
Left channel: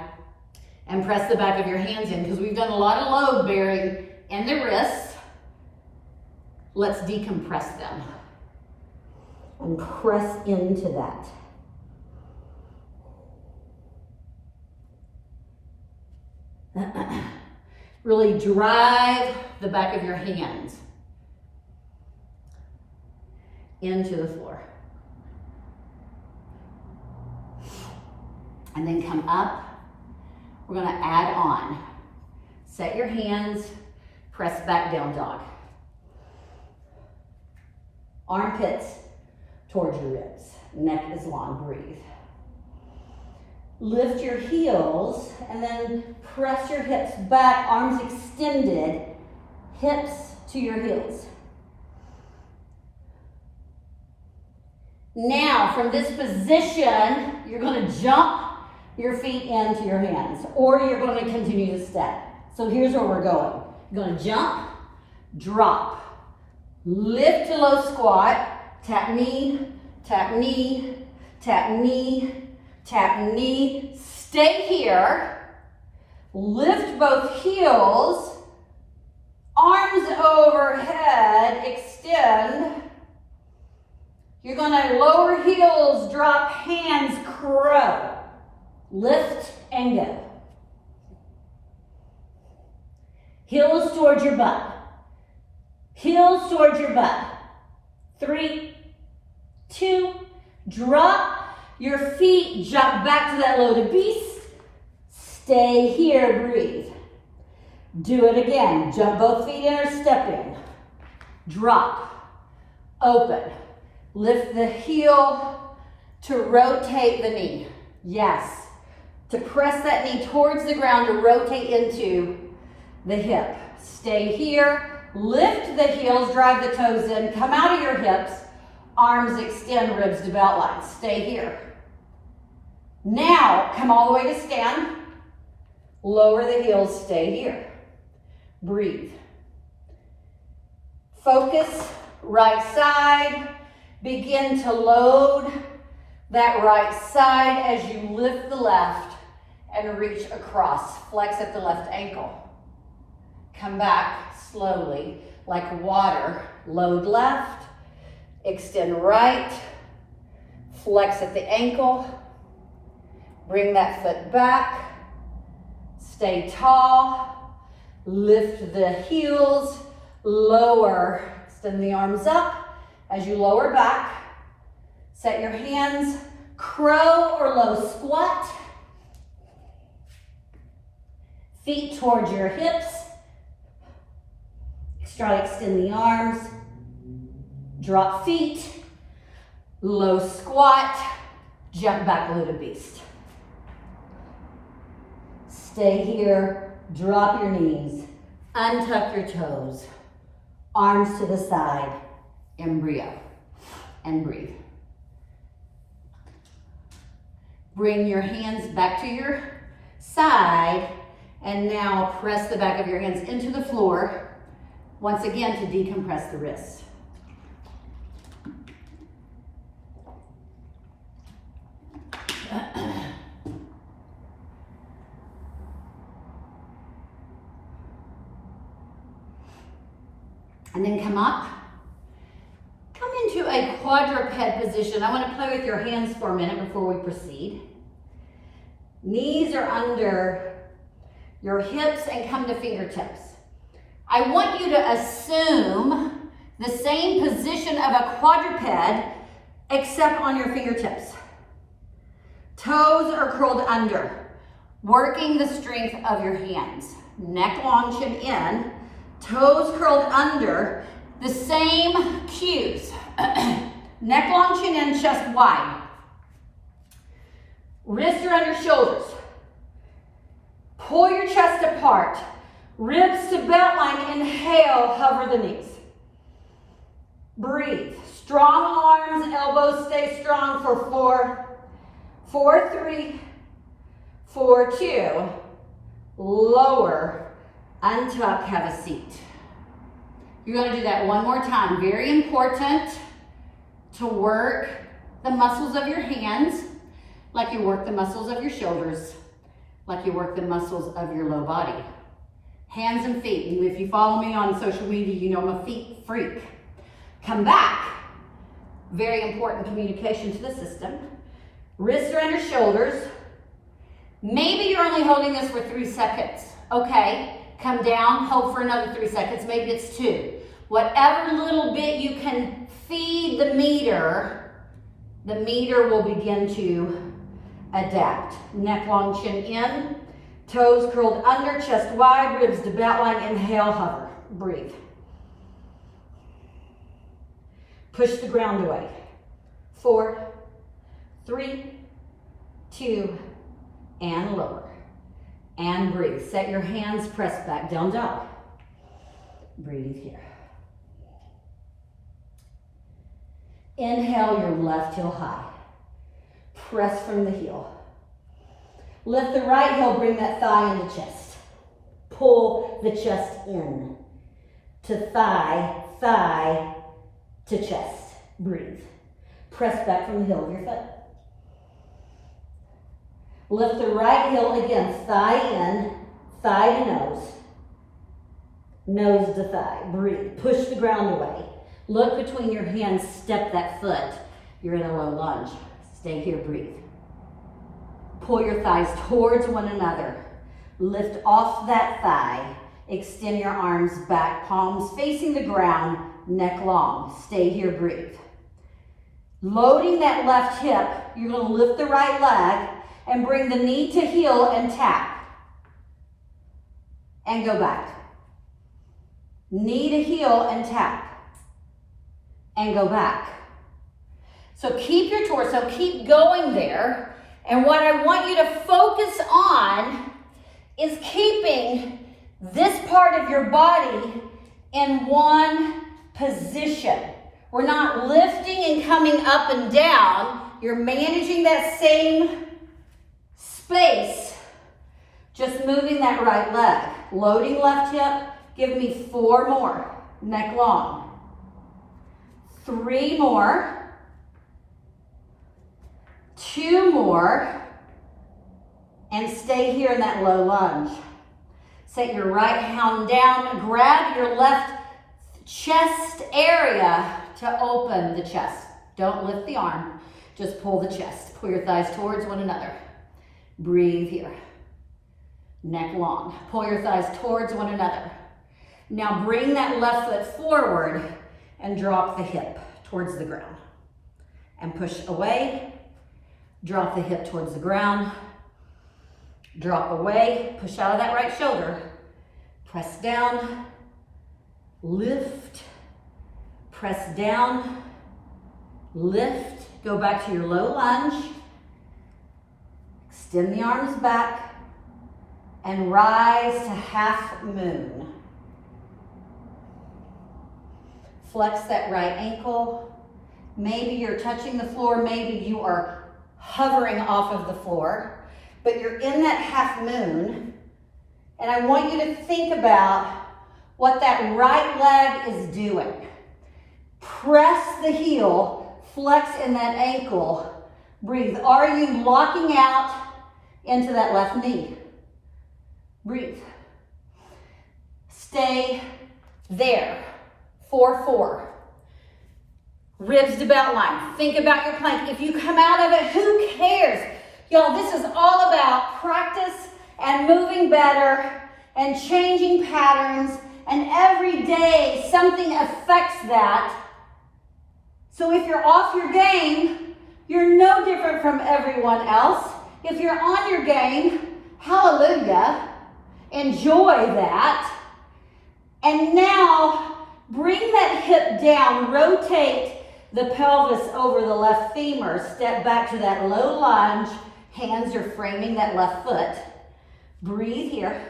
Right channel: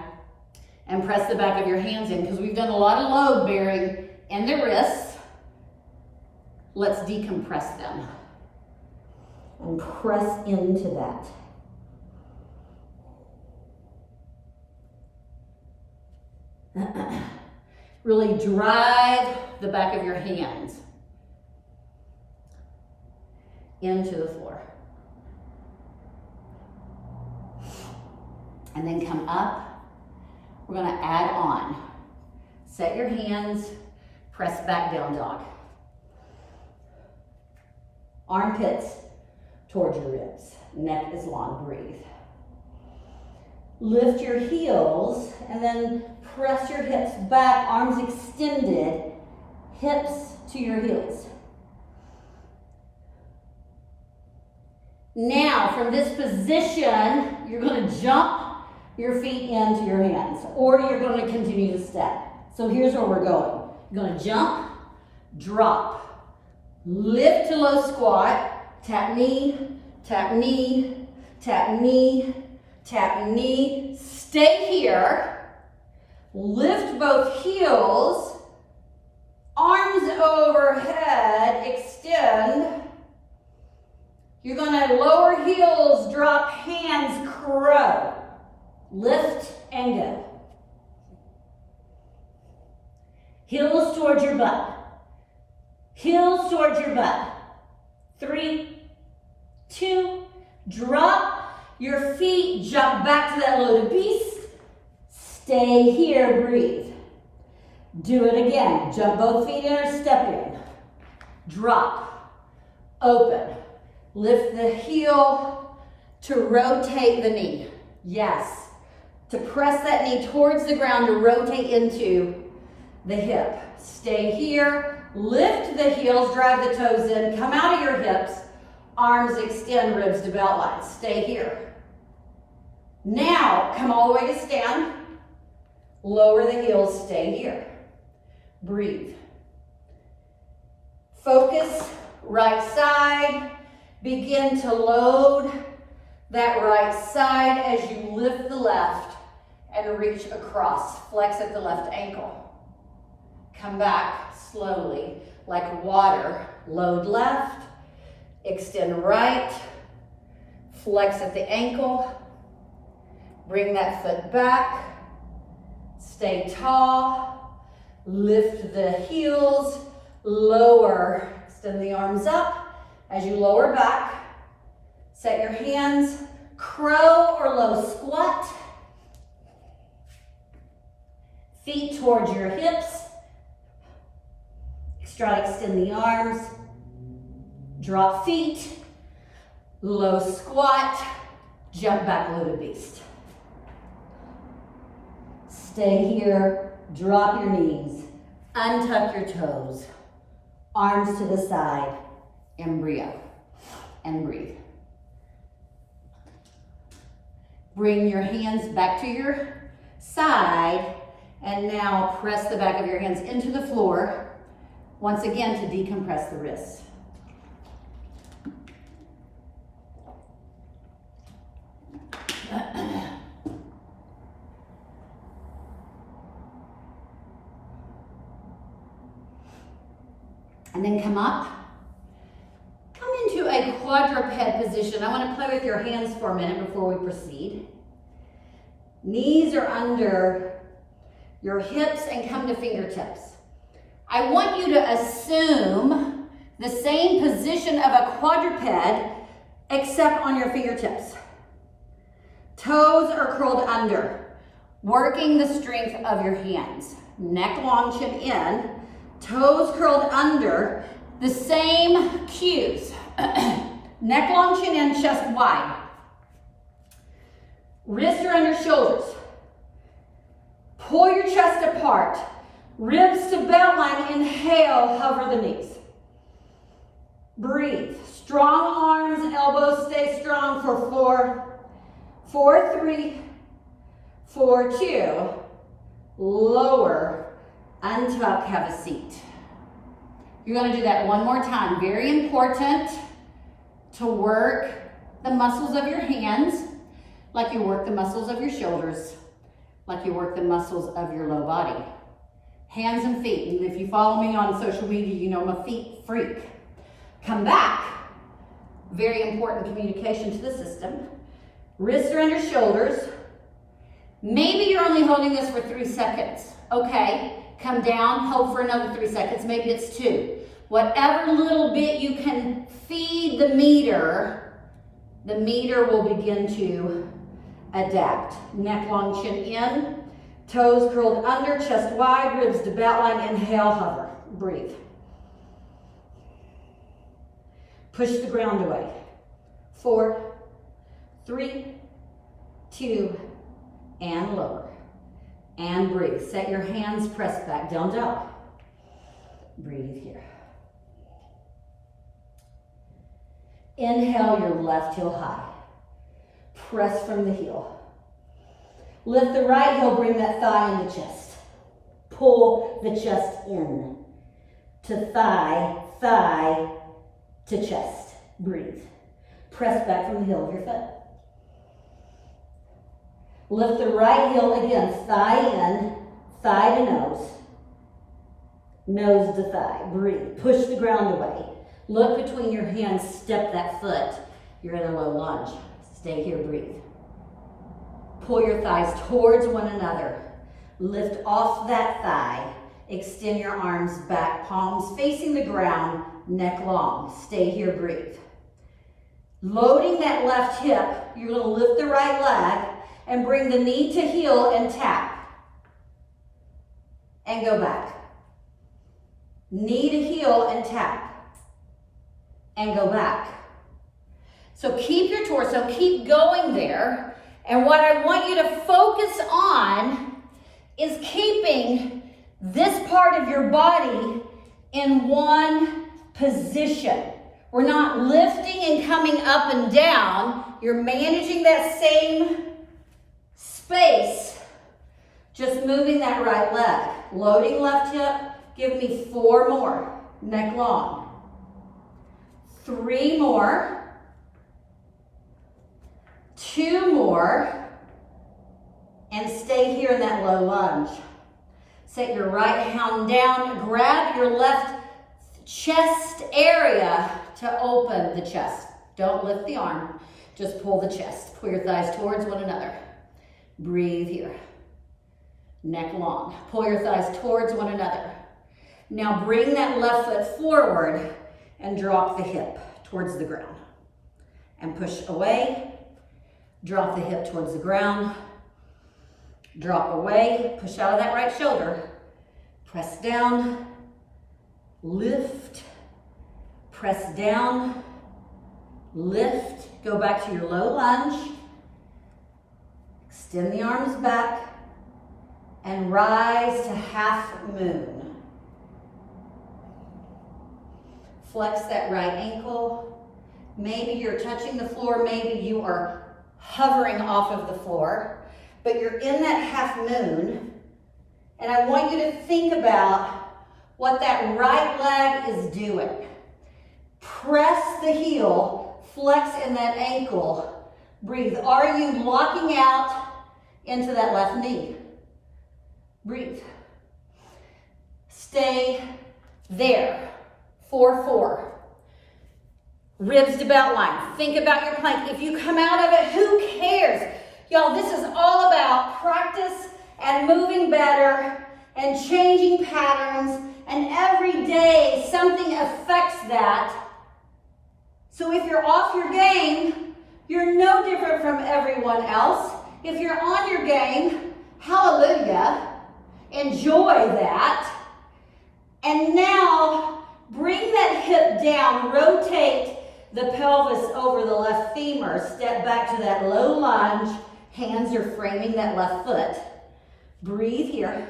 and press the back of your hands in, because we've done a lot of load bearing in the wrists. Let's decompress them and press into that. Really drive the back of your hands into the floor. And then come up. We're gonna add on. Set your hands, press back down dog. Armpits towards your ribs. Neck is long, breathe. Lift your heels and then press your hips back, arms extended, hips to your heels. Now, from this position, you're going to jump your feet into your hands, or you're going to continue to step. So here's where we're going. You're going to jump, drop, lift to low squat, tap knee, tap knee, tap knee, tap knee. Stay here. Lift both heels, arms overhead, extend. You're gonna lower heels, drop hands, crow. Lift and go. Heels towards your butt. Heels towards your butt. 3, 2, drop your feet, jump back to that loaded beast. Stay here, breathe. Do it again. Jump both feet in or step in. Drop, open. Lift the heel to rotate the knee. Yes. To press that knee towards the ground to rotate into the hip. Stay here. Lift the heels, drive the toes in. Come out of your hips. Arms extend, ribs to belt line. Stay here. Now, come all the way to stand. Lower the heels, stay here. Breathe. Focus, right side. Begin to load that right side as you lift the left and reach across. Flex at the left ankle. Come back slowly, like water. Load left, extend right, flex at the ankle, bring that foot back, stay tall, lift the heels, lower, extend the arms up. As you lower back, set your hands, crow or low squat. Feet towards your hips. Try to extend the arms. Drop feet. Low squat. Jump back, loaded beast. Stay here. Drop your knees. Untuck your toes. Arms to the side. Embryo. And breathe. Bring your hands back to your side. And now press the back of your hands into the floor. Once again to decompress the wrists. And then come up. Come into a quadruped position. I want to play with your hands for a minute before we proceed. Knees are under your hips and come to fingertips. I want you to assume the same position of a quadruped except on your fingertips. Toes are curled under, working the strength of your hands. Neck long, chin in, toes curled under, the same cues. Neck long, chin in, chest wide. Wrists are under shoulders. Pull your chest apart. Ribs to belt line. Inhale, hover the knees. Breathe. Strong arms, elbows stay strong for 4, 4, 3, 4, 2. Lower, untuck, have a seat. You're going to do that one more time. Very important to work the muscles of your hands like you work the muscles of your shoulders, like you work the muscles of your low body. Hands and feet. And if you follow me on social media, you know I'm a feet freak. Come back. Very important communication to the system. Wrists are under shoulders. Maybe you're only holding this for 3 seconds. Okay, come down, hold for another 3 seconds. Maybe it's 2. Whatever little bit you can feed the meter will begin to adapt. Neck long, chin in, toes curled under, chest wide, ribs to belt line. Inhale, hover, breathe. Push the ground away. 4, 3, 2, and lower. And breathe. Set your hands, press back, down dog. Breathe here. Inhale your left heel high. Press from the heel. Lift the right heel, bring that thigh into chest. Pull the chest in to thigh, thigh to chest. Breathe. Press back from the heel of your foot. Lift the right heel again, thigh in, thigh to nose. Nose to thigh. Breathe. Push the ground away. Look between your hands, step that foot. You're in a low lunge. Stay here, breathe. Pull your thighs towards one another. Lift off that thigh. Extend your arms back, palms facing the ground, neck long. Stay here, breathe. Loading that left hip, you're going to lift the right leg and bring the knee to heel and tap. And go back. Knee to heel and tap. And go back. So keep your torso, keep going there. And what I want you to focus on is keeping this part of your body in one position. We're not lifting and coming up and down. You're managing that same space, just moving that right leg. Loading left hip, give me 4 more, neck long. 3 more. 2 more. And stay here in that low lunge. Set your right hand down, grab your left chest area to open the chest. Don't lift the arm, just pull the chest. Pull your thighs towards one another. Breathe here. Neck long. Pull your thighs towards one another. Now bring that left foot forward and drop the hip towards the ground. And push away. Drop the hip towards the ground. Drop away. Push out of that right shoulder. Press down. Lift. Press down. Lift. Go back to your low lunge. Extend the arms back. And rise to half moon. Flex that right ankle. Maybe you're touching the floor. Maybe you are hovering off of the floor. But you're in that half moon. And I want you to think about what that right leg is doing. Press the heel. Flex in that ankle. Breathe. Are you locking out into that left knee? Breathe. Stay there. 4-4. Ribs to belt line. Think about your plank. If you come out of it, who cares? Y'all, this is all about practice and moving better and changing patterns, and every day something affects that. So if you're off your game, you're no different from everyone else. If you're on your game, hallelujah, enjoy that. And now bring that hip down, rotate the pelvis over the left femur, step back to that low lunge, hands are framing that left foot. Breathe here.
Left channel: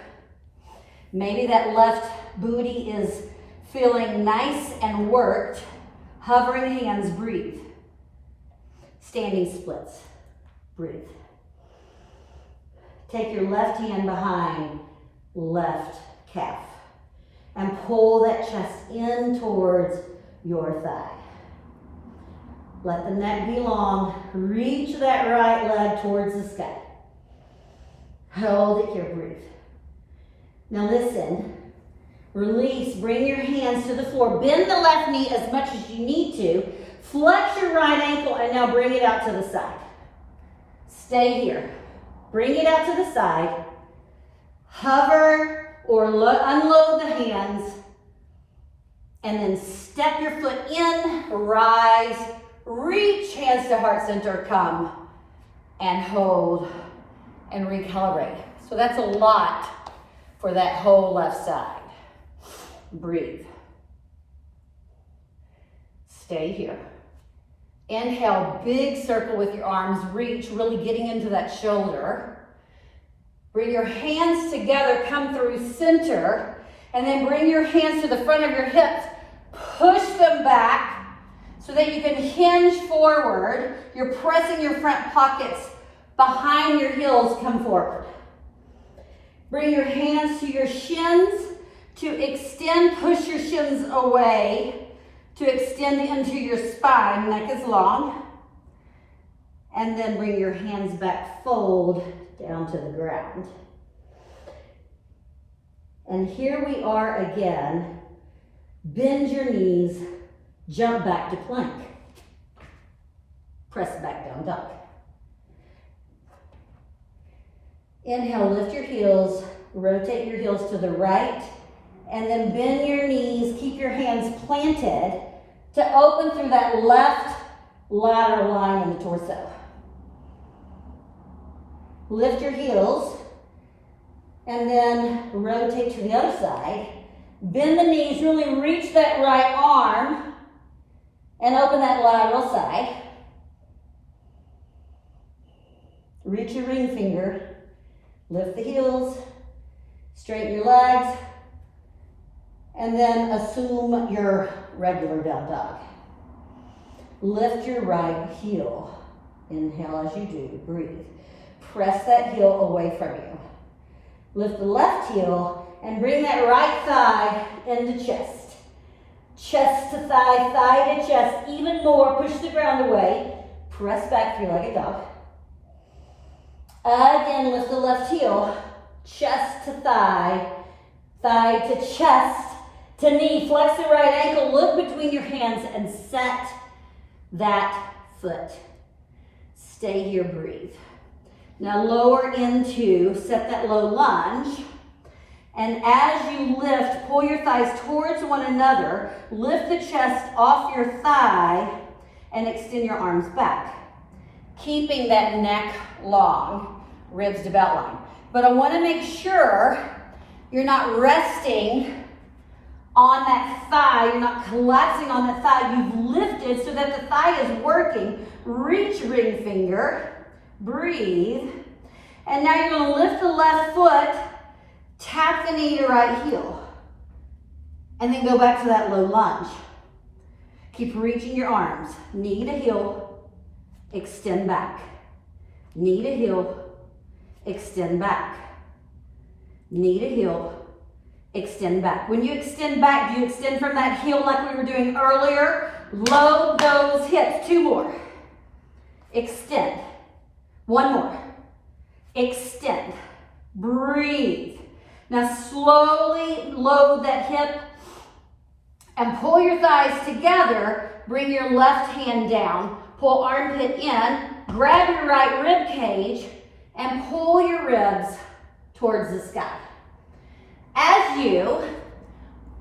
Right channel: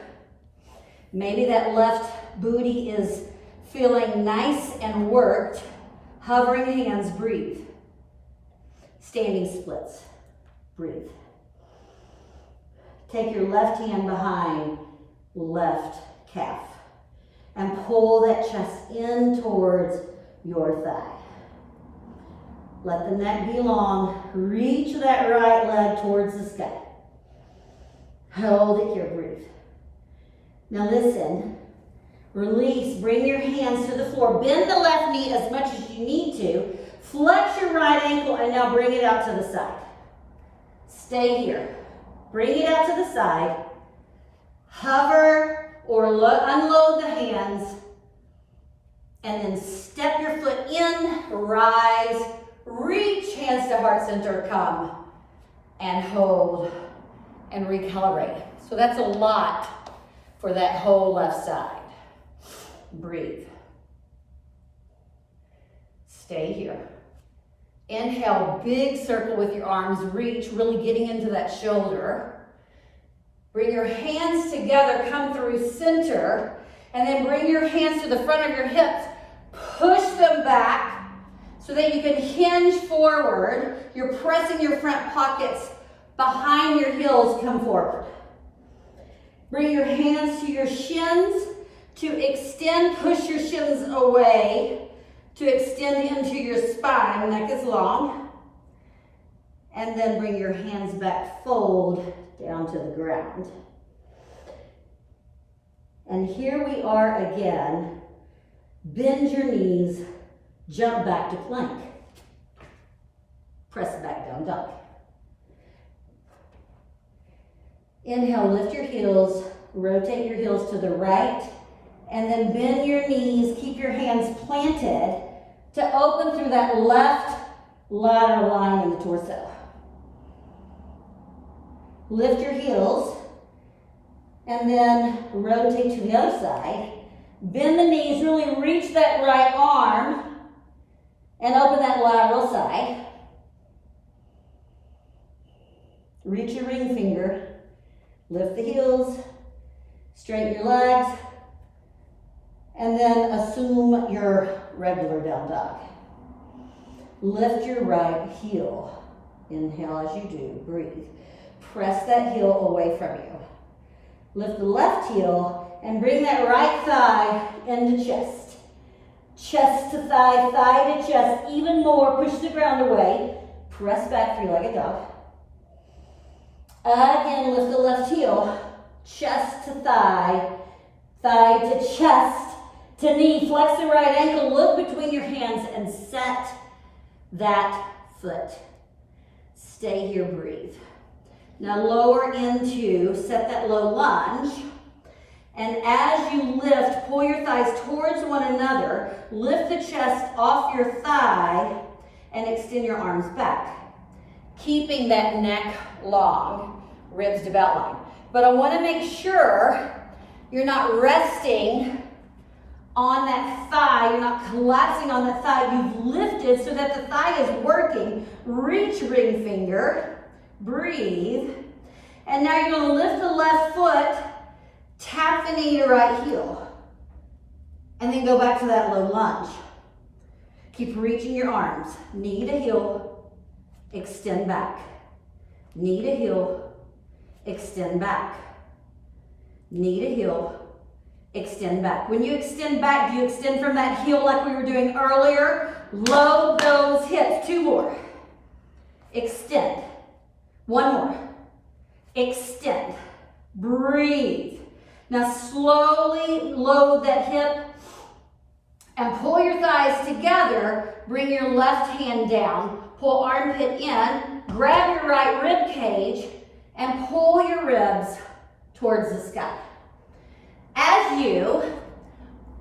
Maybe that left booty is feeling nice and worked. Hovering hands, breathe. Standing splits, breathe. Take your left hand behind left calf and pull that chest in towards your thigh. Let the neck be long. Reach that right leg towards the sky. Hold it here, breathe. Now listen, release, bring your hands to the floor. Bend the left knee as much as you need to. Flex your right ankle and now bring it out to the side. Stay here. Bring it out to the side. Hover or unload the hands. And then step your foot in, rise, reach, hands to heart center, come and hold and recalibrate. So that's a lot for that whole left side. Breathe. Stay here. Inhale, big circle with your arms, reach, really getting into that shoulder. Bring your hands together, come through center, and then bring your hands to the front of your hips. Push them back so that you can hinge forward. You're pressing your front pockets behind your heels, come forward. Bring your hands to your shins to extend, push your shins away to extend into your spine, neck is long. And then bring your hands back, fold down to the ground. And here we are again. Bend your knees, jump back to plank. Press back down dog. Inhale, lift your heels, rotate your heels to the right, and then bend your knees, keep your hands planted to open through that left lateral line in the torso. Lift your heels, and then rotate to the other side. Bend the knees, really reach that right arm, and open that lateral side. Reach your ring finger. Lift the heels, straighten your legs, and then assume your regular down dog. Lift your right heel. Inhale as you do, breathe. Press that heel away from you. Lift the left heel and bring that right thigh into chest. Chest to thigh, thigh to chest, even more. Push the ground away. Press back, three-legged dog. Again, lift the left heel, chest to thigh, thigh to chest to knee. Flex the right ankle, look between your hands and set that foot. Stay here, breathe. Now lower into, set that low lunge. And as you lift, pull your thighs towards one another, lift the chest off your thigh and extend your arms back. Keeping that neck long, ribs to belt line. But I want to make sure you're not resting on that thigh, you're not collapsing on the thigh. You've lifted so that the thigh is working. Reach ring finger, breathe. And now you're going to lift the left foot, tap the knee to right heel. And then go back to that low lunge. Keep reaching your arms, knee to heel. Extend back. Knee to heel, extend back. Knee to heel, extend back. When you extend back, do you extend from that heel like we were doing earlier? Load those hips. Two more. Extend. One more. Extend. Breathe. Now slowly load that hip And pull your thighs together, bring your left hand down, pull armpit in, grab your right rib cage, and pull your ribs towards the sky. As you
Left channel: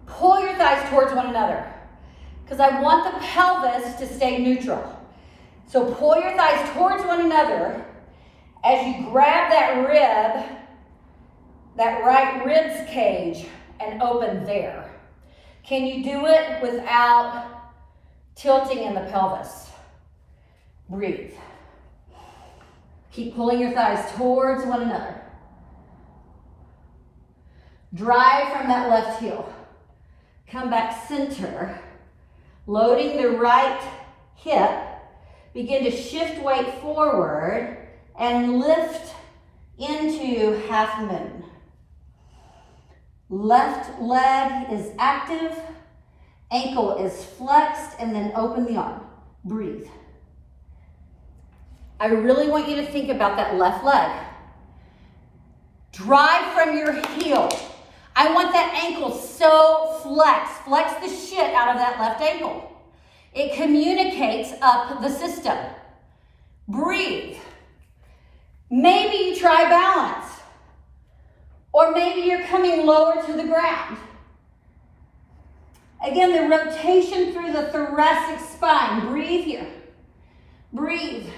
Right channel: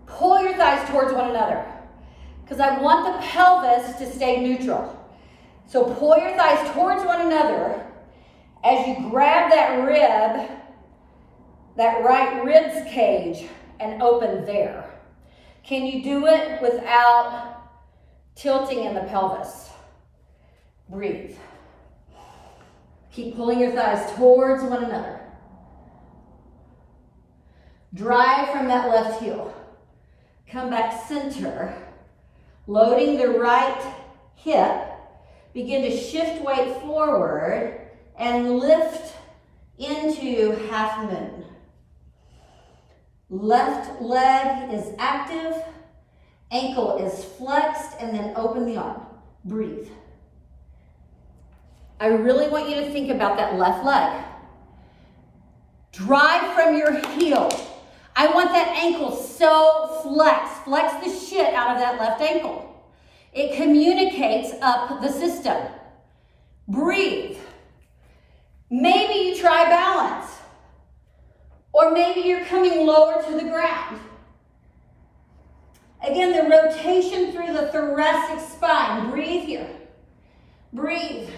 pull your thighs towards one another, because I want the pelvis to stay neutral. So pull your thighs towards one another as you grab that rib, that right ribs cage, and open there. Can you do it without tilting in the pelvis? Breathe. Keep pulling your thighs towards one another. Drive from that left heel. Come back center. Loading the right hip. Begin to shift weight forward and lift into half moon. Left leg is active, ankle is flexed, and then open the arm. Breathe. I really want you to think about that left leg. Drive from your heel. I want that ankle so flexed. Flex the shit out of that left ankle. It communicates up the system. Breathe. Maybe you try balance. Or maybe you're coming lower to the ground. Again, the rotation through the thoracic spine. Breathe here. Breathe.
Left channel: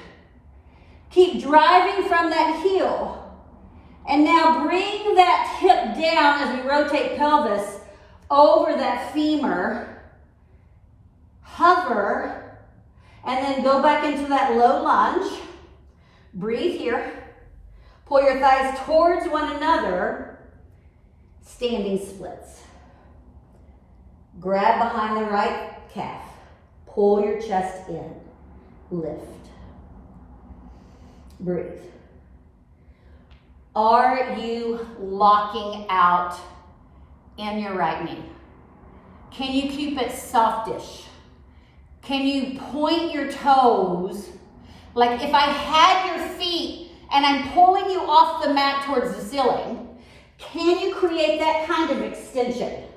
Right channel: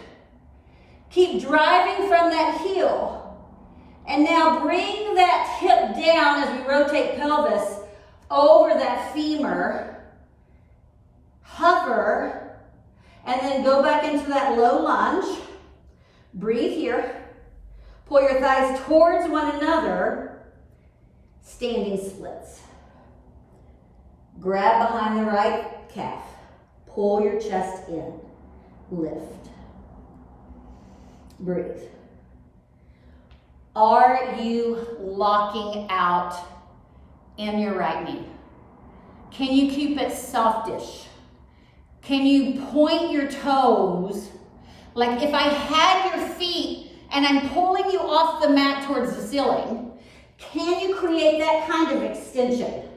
Keep driving from that heel. And now bring that hip down as we rotate pelvis over that femur. Hover, and then go back into that low lunge. Breathe here. Pull your thighs towards one another. Standing splits. Grab behind the right calf. Pull your chest in. Lift. Breathe. Are you locking out in your right knee? Can you keep it softish? Can you point your toes? Like if I had your feet and I'm pulling you off the mat towards the ceiling, can you create that kind of extension?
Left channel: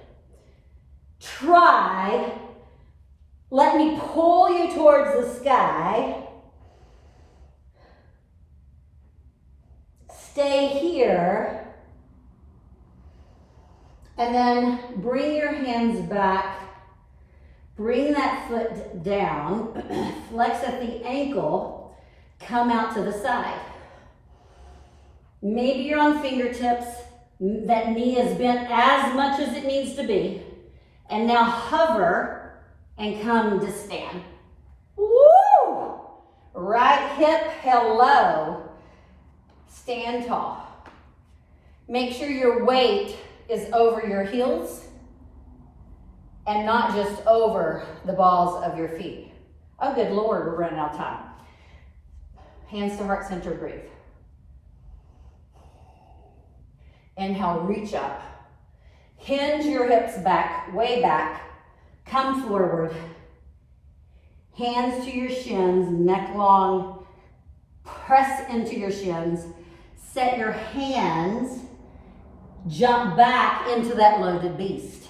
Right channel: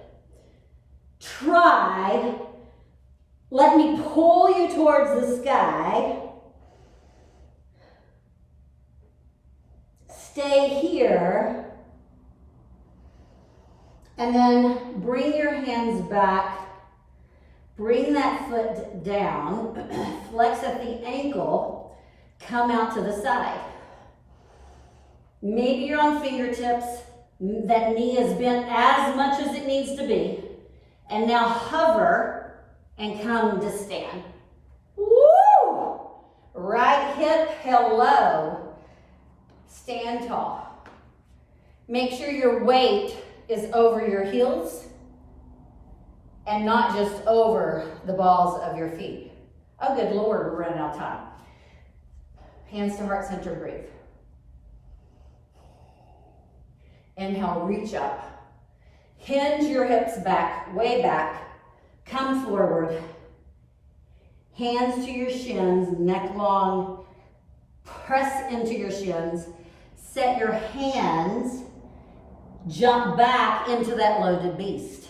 Try. Let me pull you towards the sky. Stay here. And then bring your hands back. Bring that foot down, flex at the ankle, come out to the side. Maybe you're on fingertips, that knee is bent as much as it needs to be. And now hover and come to stand. Woo! Right hip, hello. Stand tall. Make sure your weight is over your heels and not just over the balls of your feet. Oh, good Lord, we're running out of time. Hands to heart center, breathe. Inhale, reach up. Hinge your hips back, way back. Come forward. Hands to your shins, neck long. Press into your shins. Set your hands. Jump back into that loaded beast.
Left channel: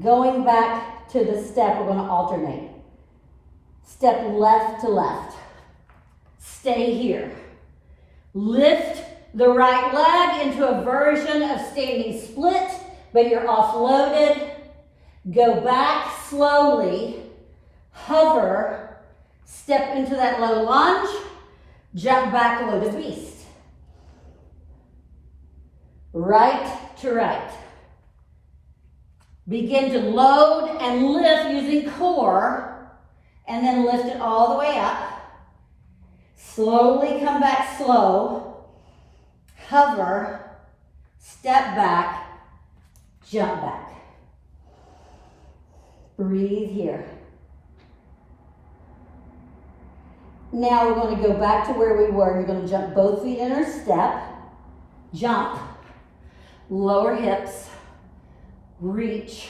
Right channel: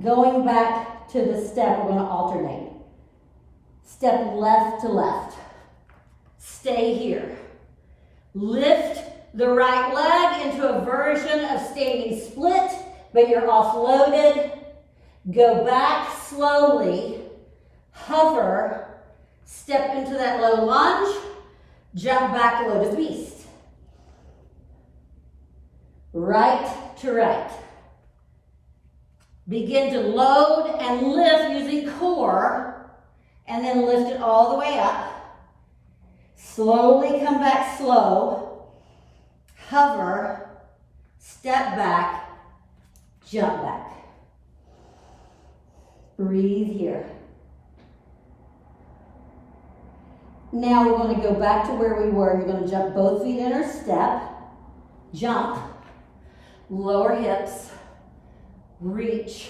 Going back to the step, we're going to alternate. Step left to left. Stay here. Lift the right leg into a version of standing split, but you're offloaded. Go back slowly. Hover. Step into that low lunge. Jump back, loaded beast. Right to right. Begin to load and lift using core, and then lift it all the way up. Slowly come back slow. Hover, step back, jump back. Breathe here. Now we're going to go back to where we were. You're going to jump both feet in our step. Jump. Lower hips. Reach.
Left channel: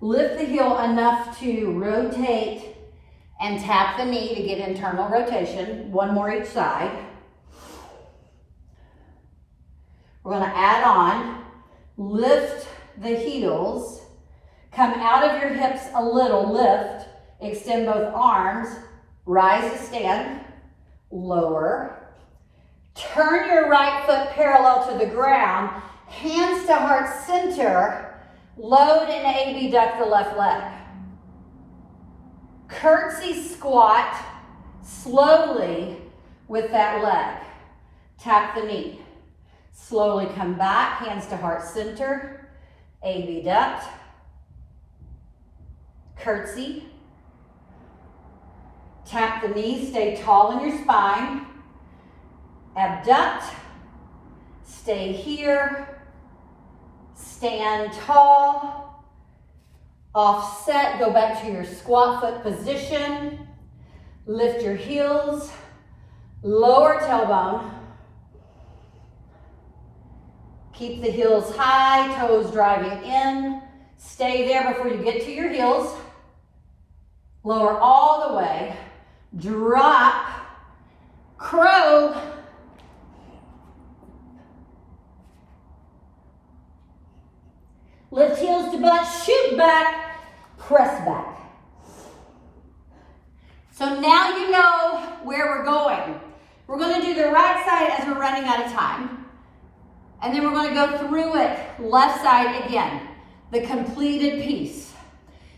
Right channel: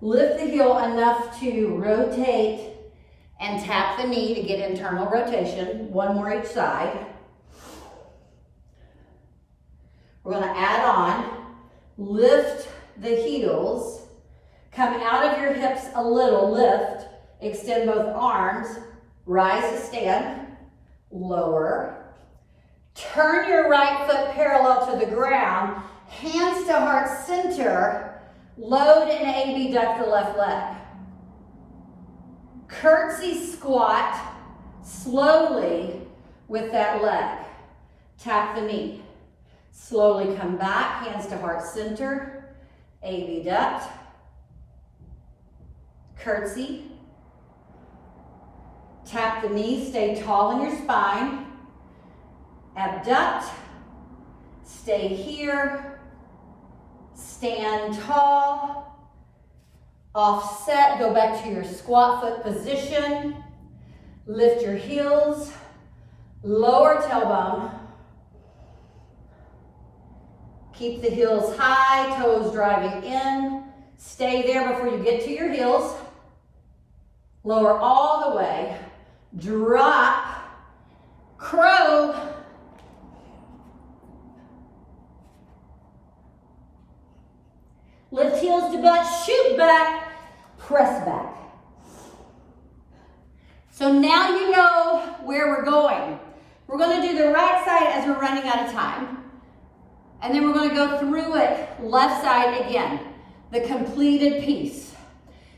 Lift the heel enough to rotate and tap the knee to get internal rotation. One more each side. We're going to add on Lift the heels. Come out of your hips a little, lift. Extend both arms. Rise to stand. Lower. Turn your right foot parallel to the ground. Hands to heart center. Load and abduct the left leg. Curtsy squat slowly with that leg. Tap the knee. Slowly come back, hands to heart center. Abduct. Curtsy. Tap the knee, stay tall in your spine. Abduct. Stay here. Stand tall. Offset, go back to your squat foot position. Lift your heels. Lower tailbone. Keep the heels high, toes driving in. Stay there before you get to your heels. Lower all the way. Drop. Crow. Lift heels to butt, shoot back, press back. So now you know where we're going. We're going to do the right side as we're running out of time. And then we're going to go through it left side again. The completed piece.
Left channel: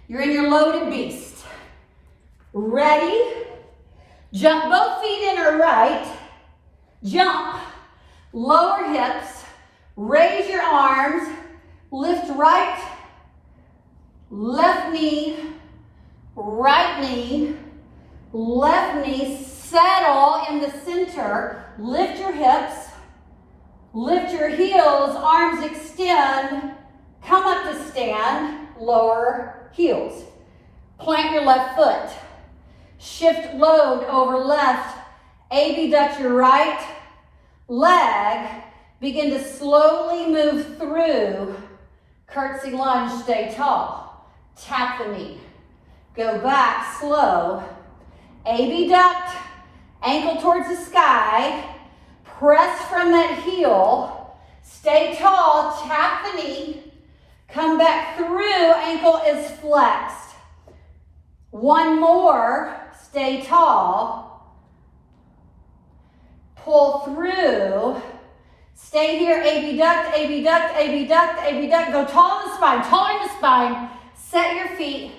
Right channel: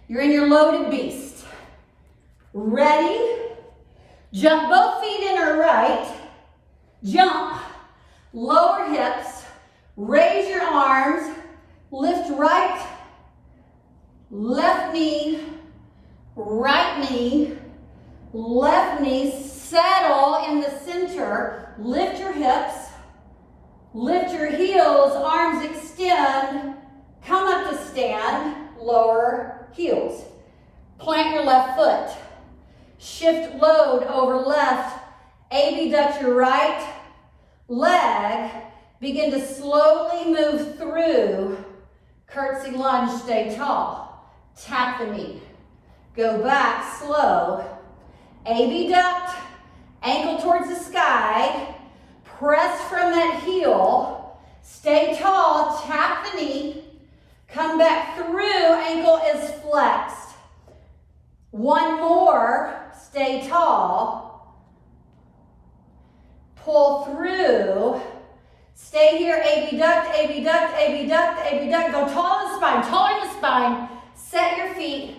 You're in your loaded beast. Ready? Jump both feet in or right. Jump. Lower hips. Raise your arms. Lift right. Left knee. Right knee. Left knee. Settle in the center. Lift your hips. Lift your heels. Arms extend. Come up to stand. Lower heels. Plant your left foot. Shift load over left. Abduct your right leg. Begin to slowly move through. Curtsy lunge, stay tall. Tap the knee. Go back, slow. Abduct, ankle towards the sky. Press from that heel. Stay tall, tap the knee. Come back through, ankle is flexed. One more, stay tall. Pull through. Stay here, abduct, abduct, abduct, abduct. Go tall in the spine, taller in the spine. Set your feet.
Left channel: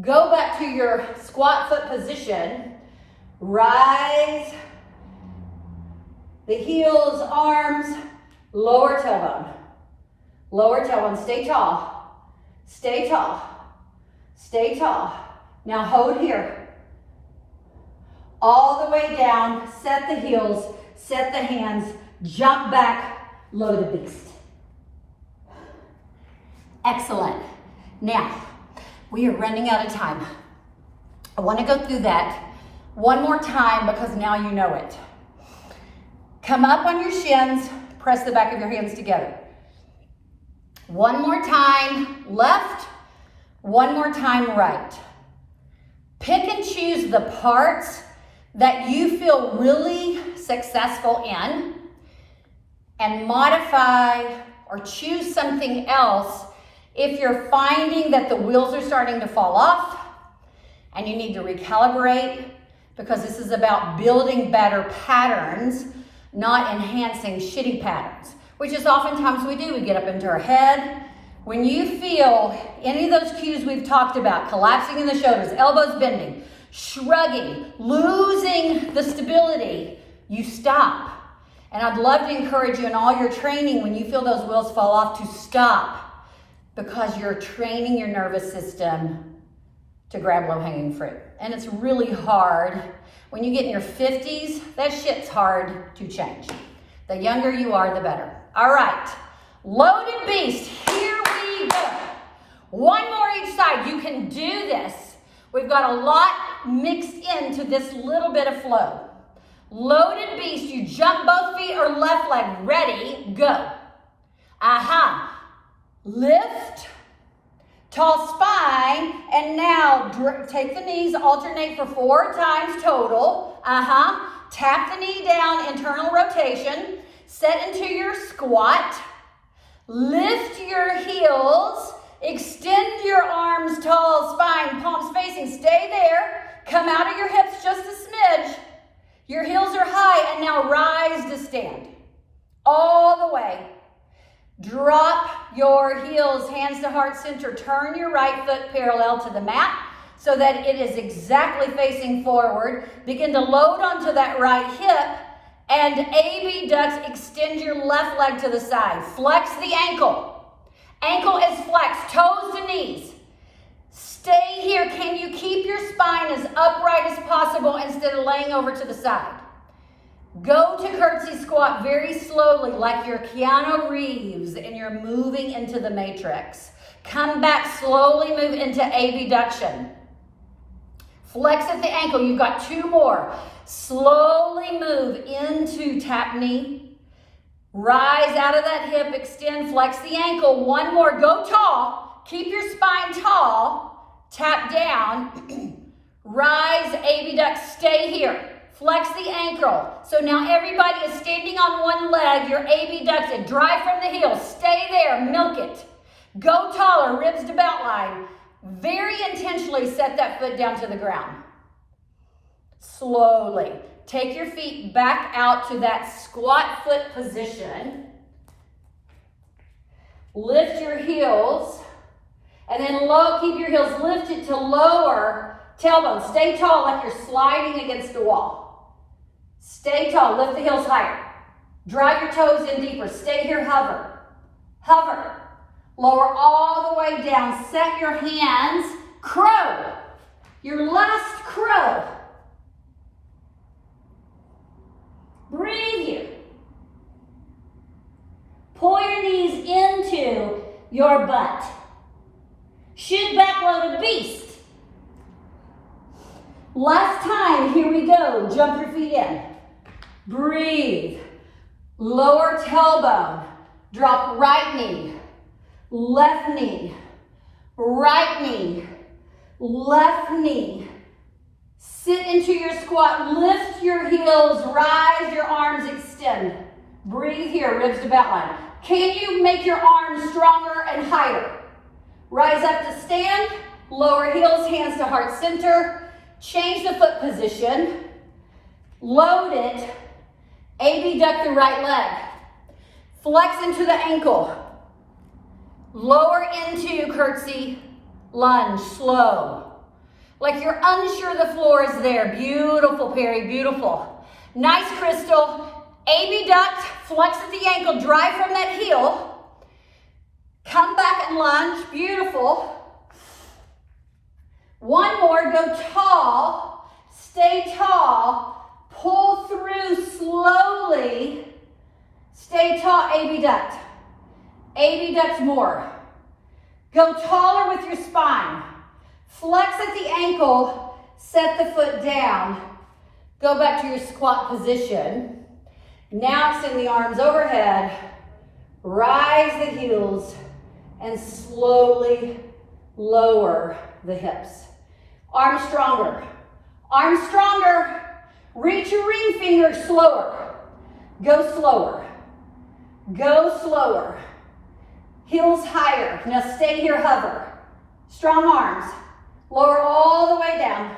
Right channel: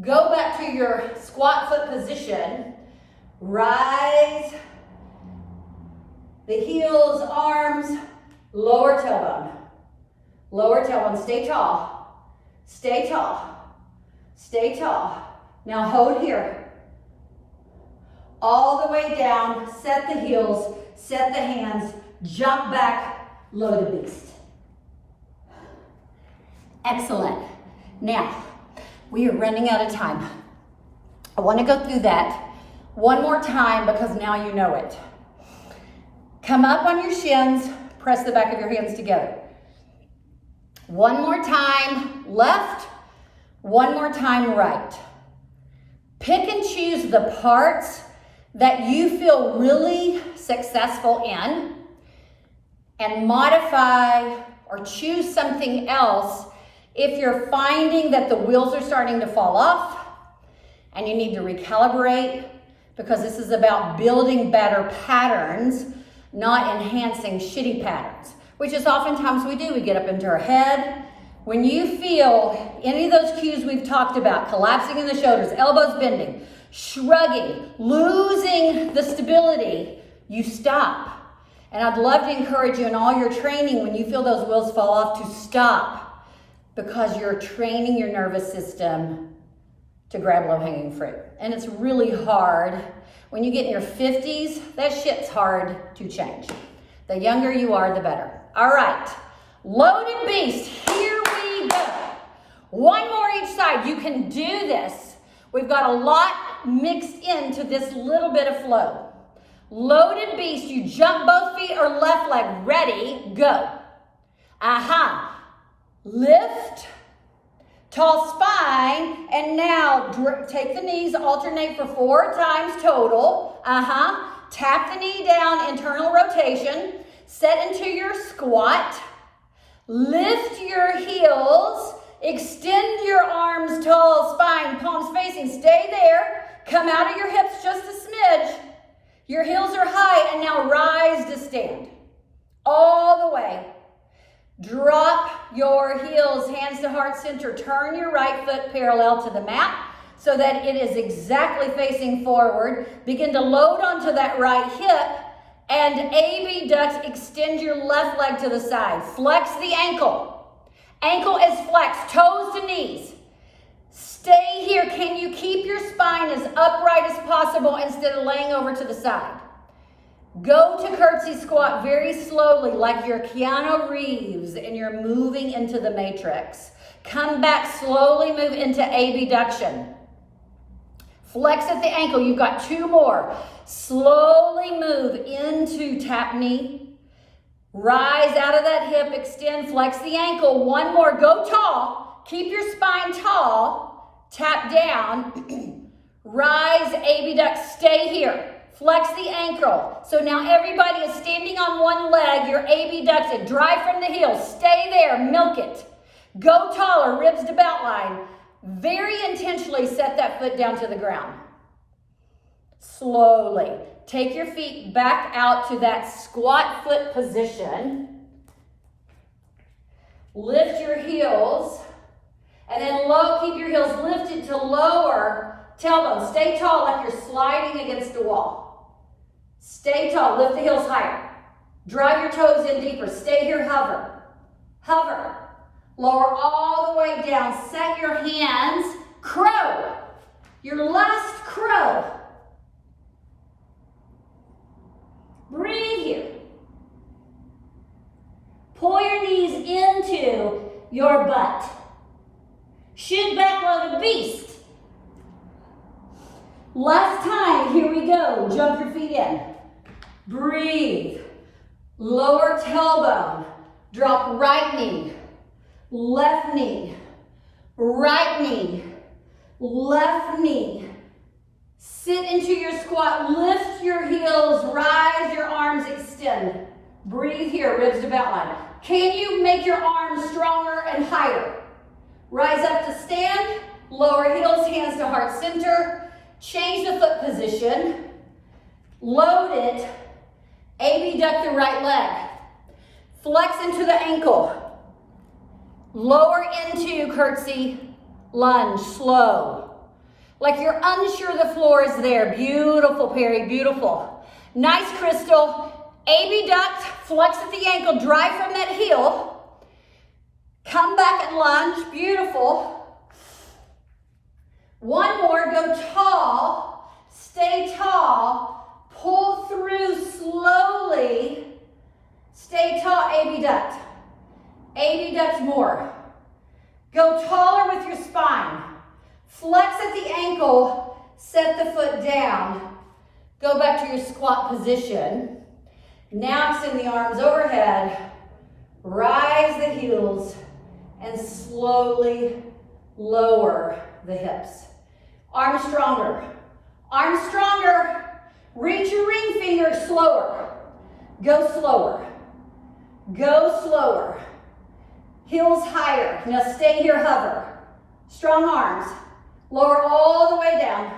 Go back to your squat foot position. Rise. The heels, arms, lower tailbone. Lower tailbone, stay tall. Stay tall. Stay tall. Now hold here. All the way down, set the heels, set the hands, jump back, load the beast. Excellent. Now, we are running out of time. I want to go through that one more time because now you know it. Come up on your shins, press the back of your hands together. One more time, left. One more time, right. Pick and choose the parts that you feel really successful in and modify or choose something else if you're finding that the wheels are starting to fall off and you need to recalibrate, because this is about building better patterns, not enhancing shitty patterns, which is oftentimes we do. We get up into our head. When you feel any of those cues we've talked about, collapsing in the shoulders, elbows bending, shrugging, losing the stability, you stop. And I'd love to encourage you in all your training, when you feel those wheels fall off, to stop, because you're training your nervous system to grab low-hanging fruit. And it's really hard. When you get in your 50s, that shit's hard to change. The younger you are, the better. All right, loaded beast, here we go. One more each side. You can do this. We've got a lot mixed into this little bit of flow. Loaded beast, you jump both feet or left leg. Ready, go. Aha. Lift, tall spine, and now take the knees, alternate for 4 times total. Tap the knee down, internal rotation. Set into your squat. Lift your heels, extend your arms tall, spine, palms facing, stay there. Come out of your hips just a smidge. Your heels are high, and now rise to stand. All the way. Drop your heels, hands to heart center. Turn your right foot parallel to the mat so that it is exactly facing forward. Begin to load onto that right hip. And abduct, extend your left leg to the side. Flex the ankle. Ankle is flexed, toes to knees. Stay here. Can you keep your spine as upright as possible instead of laying over to the side? Go to curtsy squat very slowly, like you're Keanu Reeves and you're moving into the matrix. Come back, slowly move into abduction. Flex at the ankle. You've got 2 more. Slowly move into tap knee. Rise out of that hip, extend, flex the ankle. 1 more, go tall. Keep your spine tall. Tap down. Rise, abduct, stay here. Flex the ankle. So now everybody is standing on 1 leg. You're abducted. Drive from the heels. Stay there, milk it. Go taller, ribs to belt line. Very intentionally set that foot down to the ground. Slowly. Take your feet back out to that squat foot position. Lift your heels. And then keep your heels lifted to lower tailbone. Stay tall like you're sliding against the wall. Stay tall. Lift the heels higher. Drive your toes in deeper. Stay here. Hover. Hover. Lower all the way down. Set your hands. Crow. Your last crow. Breathe here. Pull your knees into your butt. Shoot back, loaded beast. Last time, here we go. Jump your feet in. Breathe. Lower tailbone. Drop right knee. Left knee. Right knee. Left knee. Sit into your squat. Lift your heels. Rise your arms. Extend. Breathe here. Ribs to belt line. Can you make your arms stronger and higher? Rise up to stand. Lower heels. Hands to heart center. Change the foot position. Load it. Abduct the right leg. Flex into the ankle. Lower into curtsy lunge. Slow. Like you're unsure the floor is there. Beautiful, Perry. Beautiful. Nice, Crystal. Abduct. Flex at the ankle. Drive from that heel. Come back and lunge. Beautiful. 1 more. Go tall. Stay tall. Pull through slowly. Stay tall. Abduct. Abduct more. Go taller with your spine. Flex at the ankle. Set the foot down. Go back to your squat position. Now extend the arms overhead. Rise the heels and slowly lower the hips. Arms stronger. Arms stronger. Reach your ring finger slower. Go slower. Go slower. Heels higher. Now stay here, hover. Strong arms. Lower all the way down.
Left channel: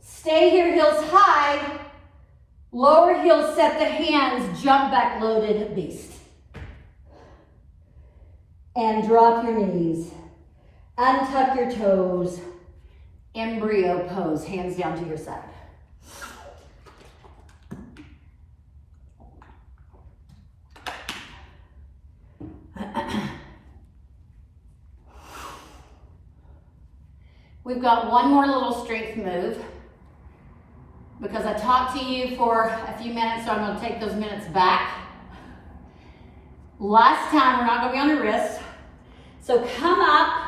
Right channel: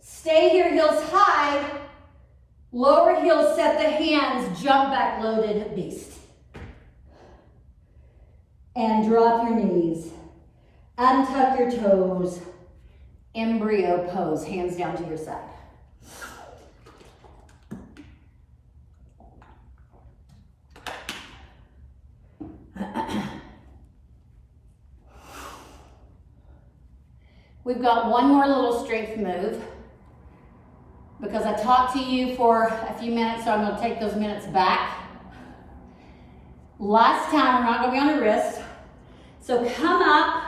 Stay here, heels high. Lower heels, set the hands, jump back, loaded beast. And drop your knees. Untuck your toes. Embryo pose, hands down to your side. We've got 1 more little strength move because I talked to you for a few minutes, so I'm going to take those minutes back. Last time, we're not going to be on the wrist. So come up,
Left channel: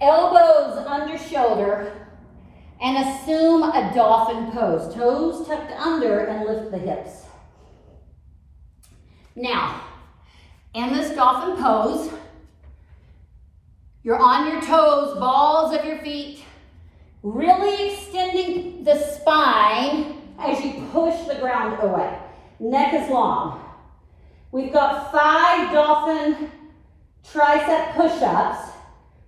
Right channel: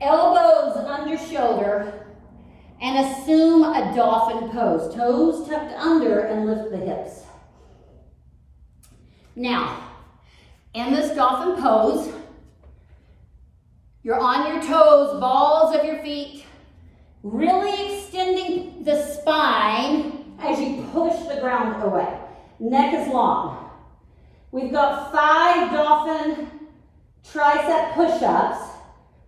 elbows under shoulder, and assume a dolphin pose. Toes tucked under and lift the hips. Now, in this dolphin pose, you're on your toes, balls of your feet, really extending the spine as you push the ground away. Neck is long. We've got 5 dolphin tricep push-ups,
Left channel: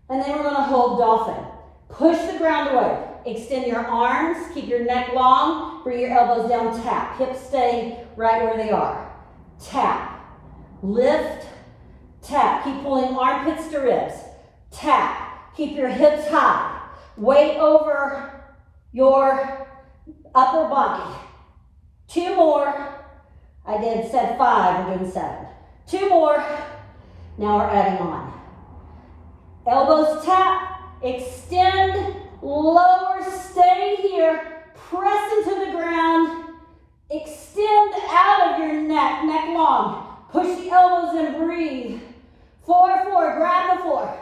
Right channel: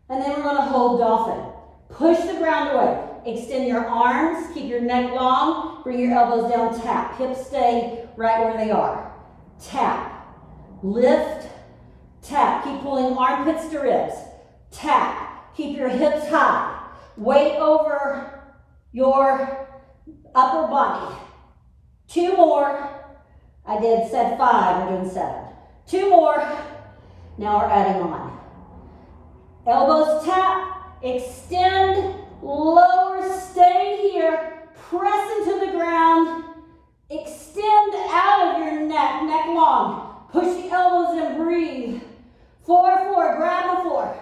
and then we're gonna hold dolphin. Push the ground away. Extend your arms, keep your neck long, bring your elbows down, tap. Hips stay right where they are. Tap, lift, tap. Keep pulling armpits to ribs. Tap, keep your hips high. Weight over your upper body. 2 more. I said 5, we're doing 7. 2 more. Now we're adding on. Elbows tap, extend, lower, stay here, press into the ground, extend out of your neck, neck long. Push the elbows in, breathe. 4, 4, grab the floor.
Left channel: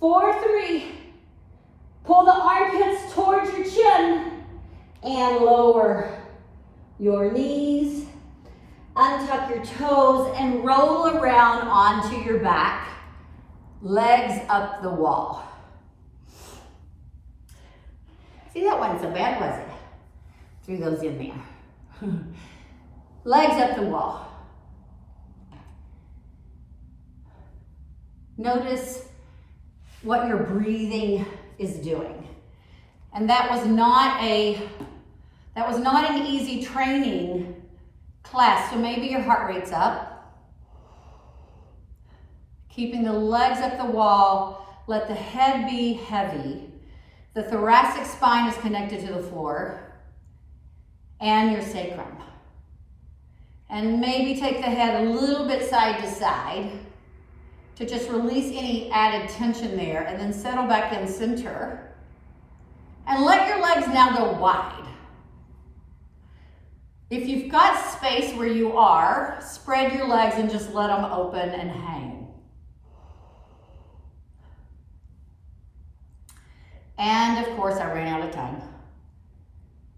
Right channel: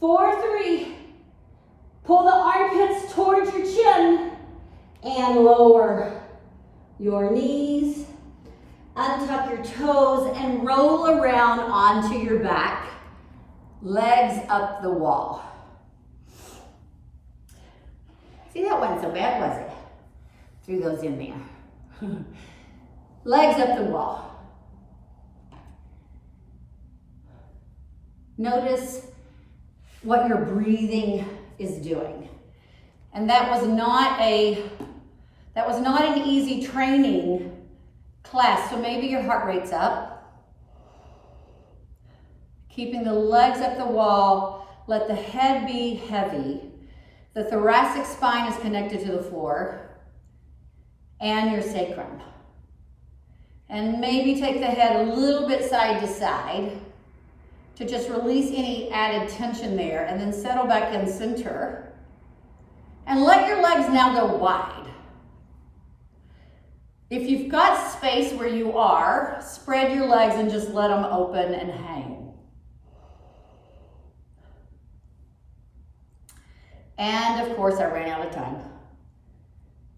4, 3, pull the armpits towards your chin and lower your knees. Untuck your toes and roll around onto your back. Legs up the wall. See, that wasn't so bad, was it? Threw those in there. Legs up the wall. Notice what your breathing is doing. And that was not an easy training class, so maybe your heart rate's up. Keeping the legs up the wall, let the head be heavy. The thoracic spine is connected to the floor and your sacrum. And maybe take the head a little bit side to side to just release any added tension there, and then settle back in center. And let your legs now go wide. If you've got space where you are, spread your legs and just let them open and hang. And of course, I ran out of time.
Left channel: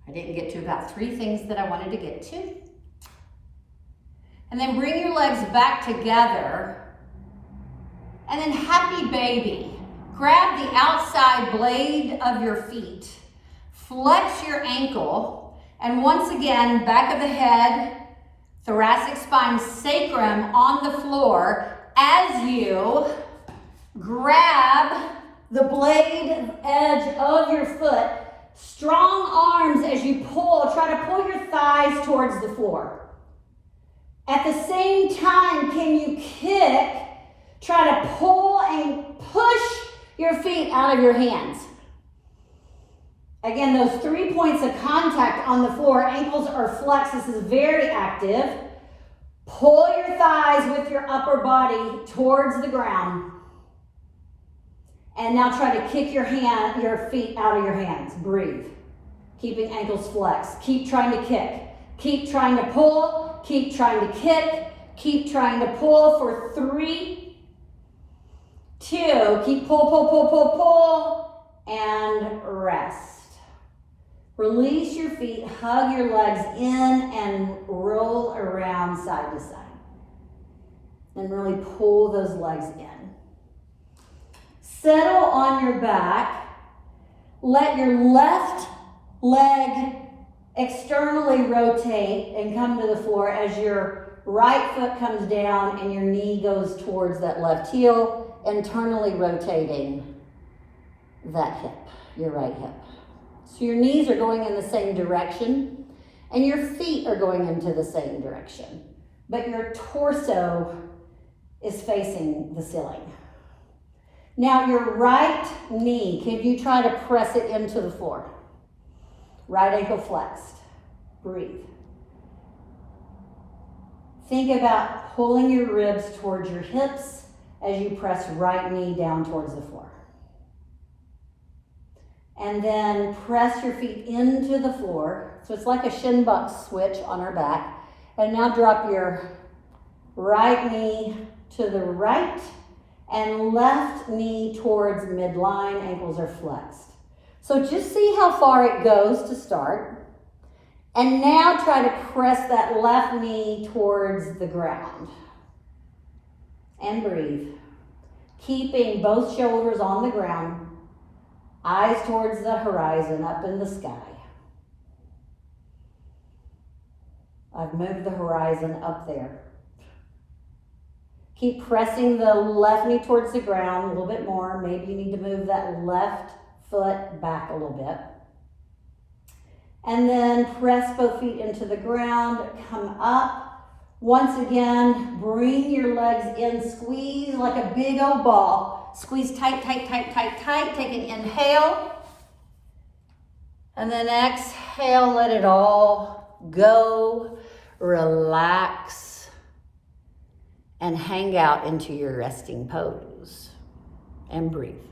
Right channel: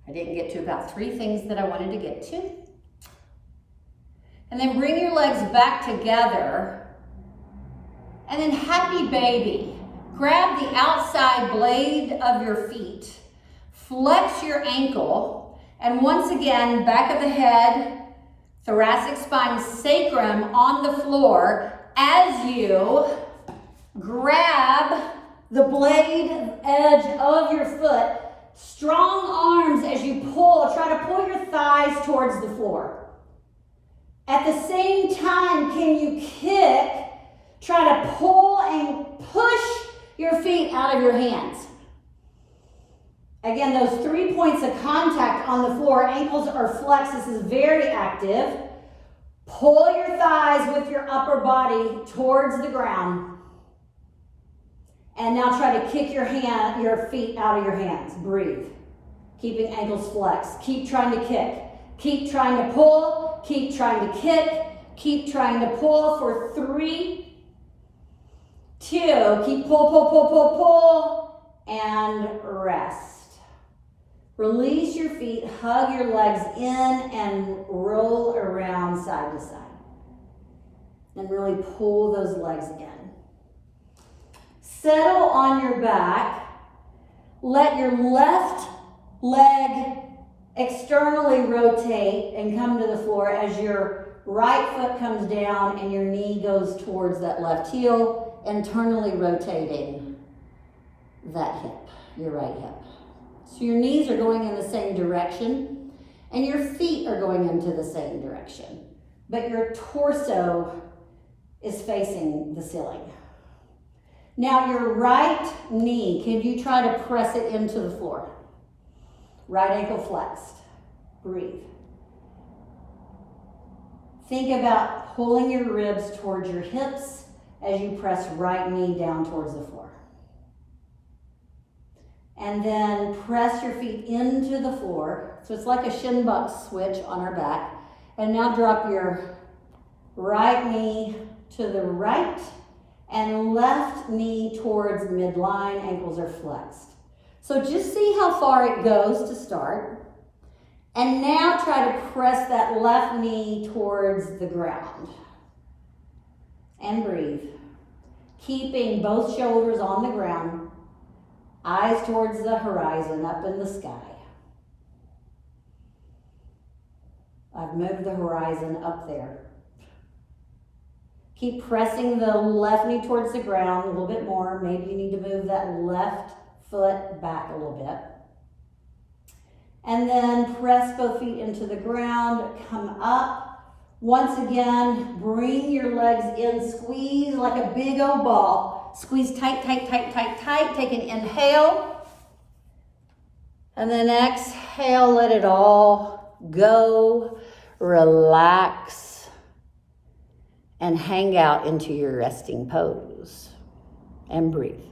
I didn't get to about 3 things that I wanted to get to. And then bring your legs back together. And then happy baby. Grab the outside blade of your feet. Flex your ankle. And once again, back of the head, thoracic spine, sacrum on the floor as you grab the blade edge of your foot. Strong arms as you pull. Try to pull your thighs towards the floor. At the same time, can you kick? Try to pull and push your feet out of your hands. Again, those 3 points of contact on the floor, ankles are flexed. This is very active. Pull your thighs with your upper body towards the ground. And now try to kick your feet out of your hands. Breathe. Keeping ankles flexed. Keep trying to kick. Keep trying to pull. Keep trying to kick. Keep trying to pull for 3, 2. Keep pull, pull, pull, pull, pull. And rest. Release your feet, hug your legs in, and roll around side to side. And really pull those legs in. Settle on your back. Let your left leg externally rotate and come to the floor as your right foot comes down and your knee goes towards that left heel, internally rotating that hip, your right hip. So your knees are going in the same direction and your feet are going into the same direction, but your torso is facing the ceiling. Now your right knee, can you try to press it into the floor? Right ankle flexed. Breathe. Think about pulling your ribs towards your hips as you press right knee down towards the floor. And then press your feet into the floor. So it's like a shin buck switch on our back. And now drop your right knee to the right and left knee towards midline. Ankles are flexed. So just see how far it goes to start. And now try to press that left knee towards the ground. And breathe. Keeping both shoulders on the ground. Eyes towards the horizon, up in the sky. I've moved the horizon up there. Keep pressing the left knee towards the ground a little bit more. Maybe you need to move that left foot back a little bit. And then press both feet into the ground, come up. Once again, bring your legs in, squeeze like a big old ball. Squeeze tight, tight, tight, tight, tight. Take an inhale. And then exhale, let it all go. Relax. And hang out into your resting pose. And breathe.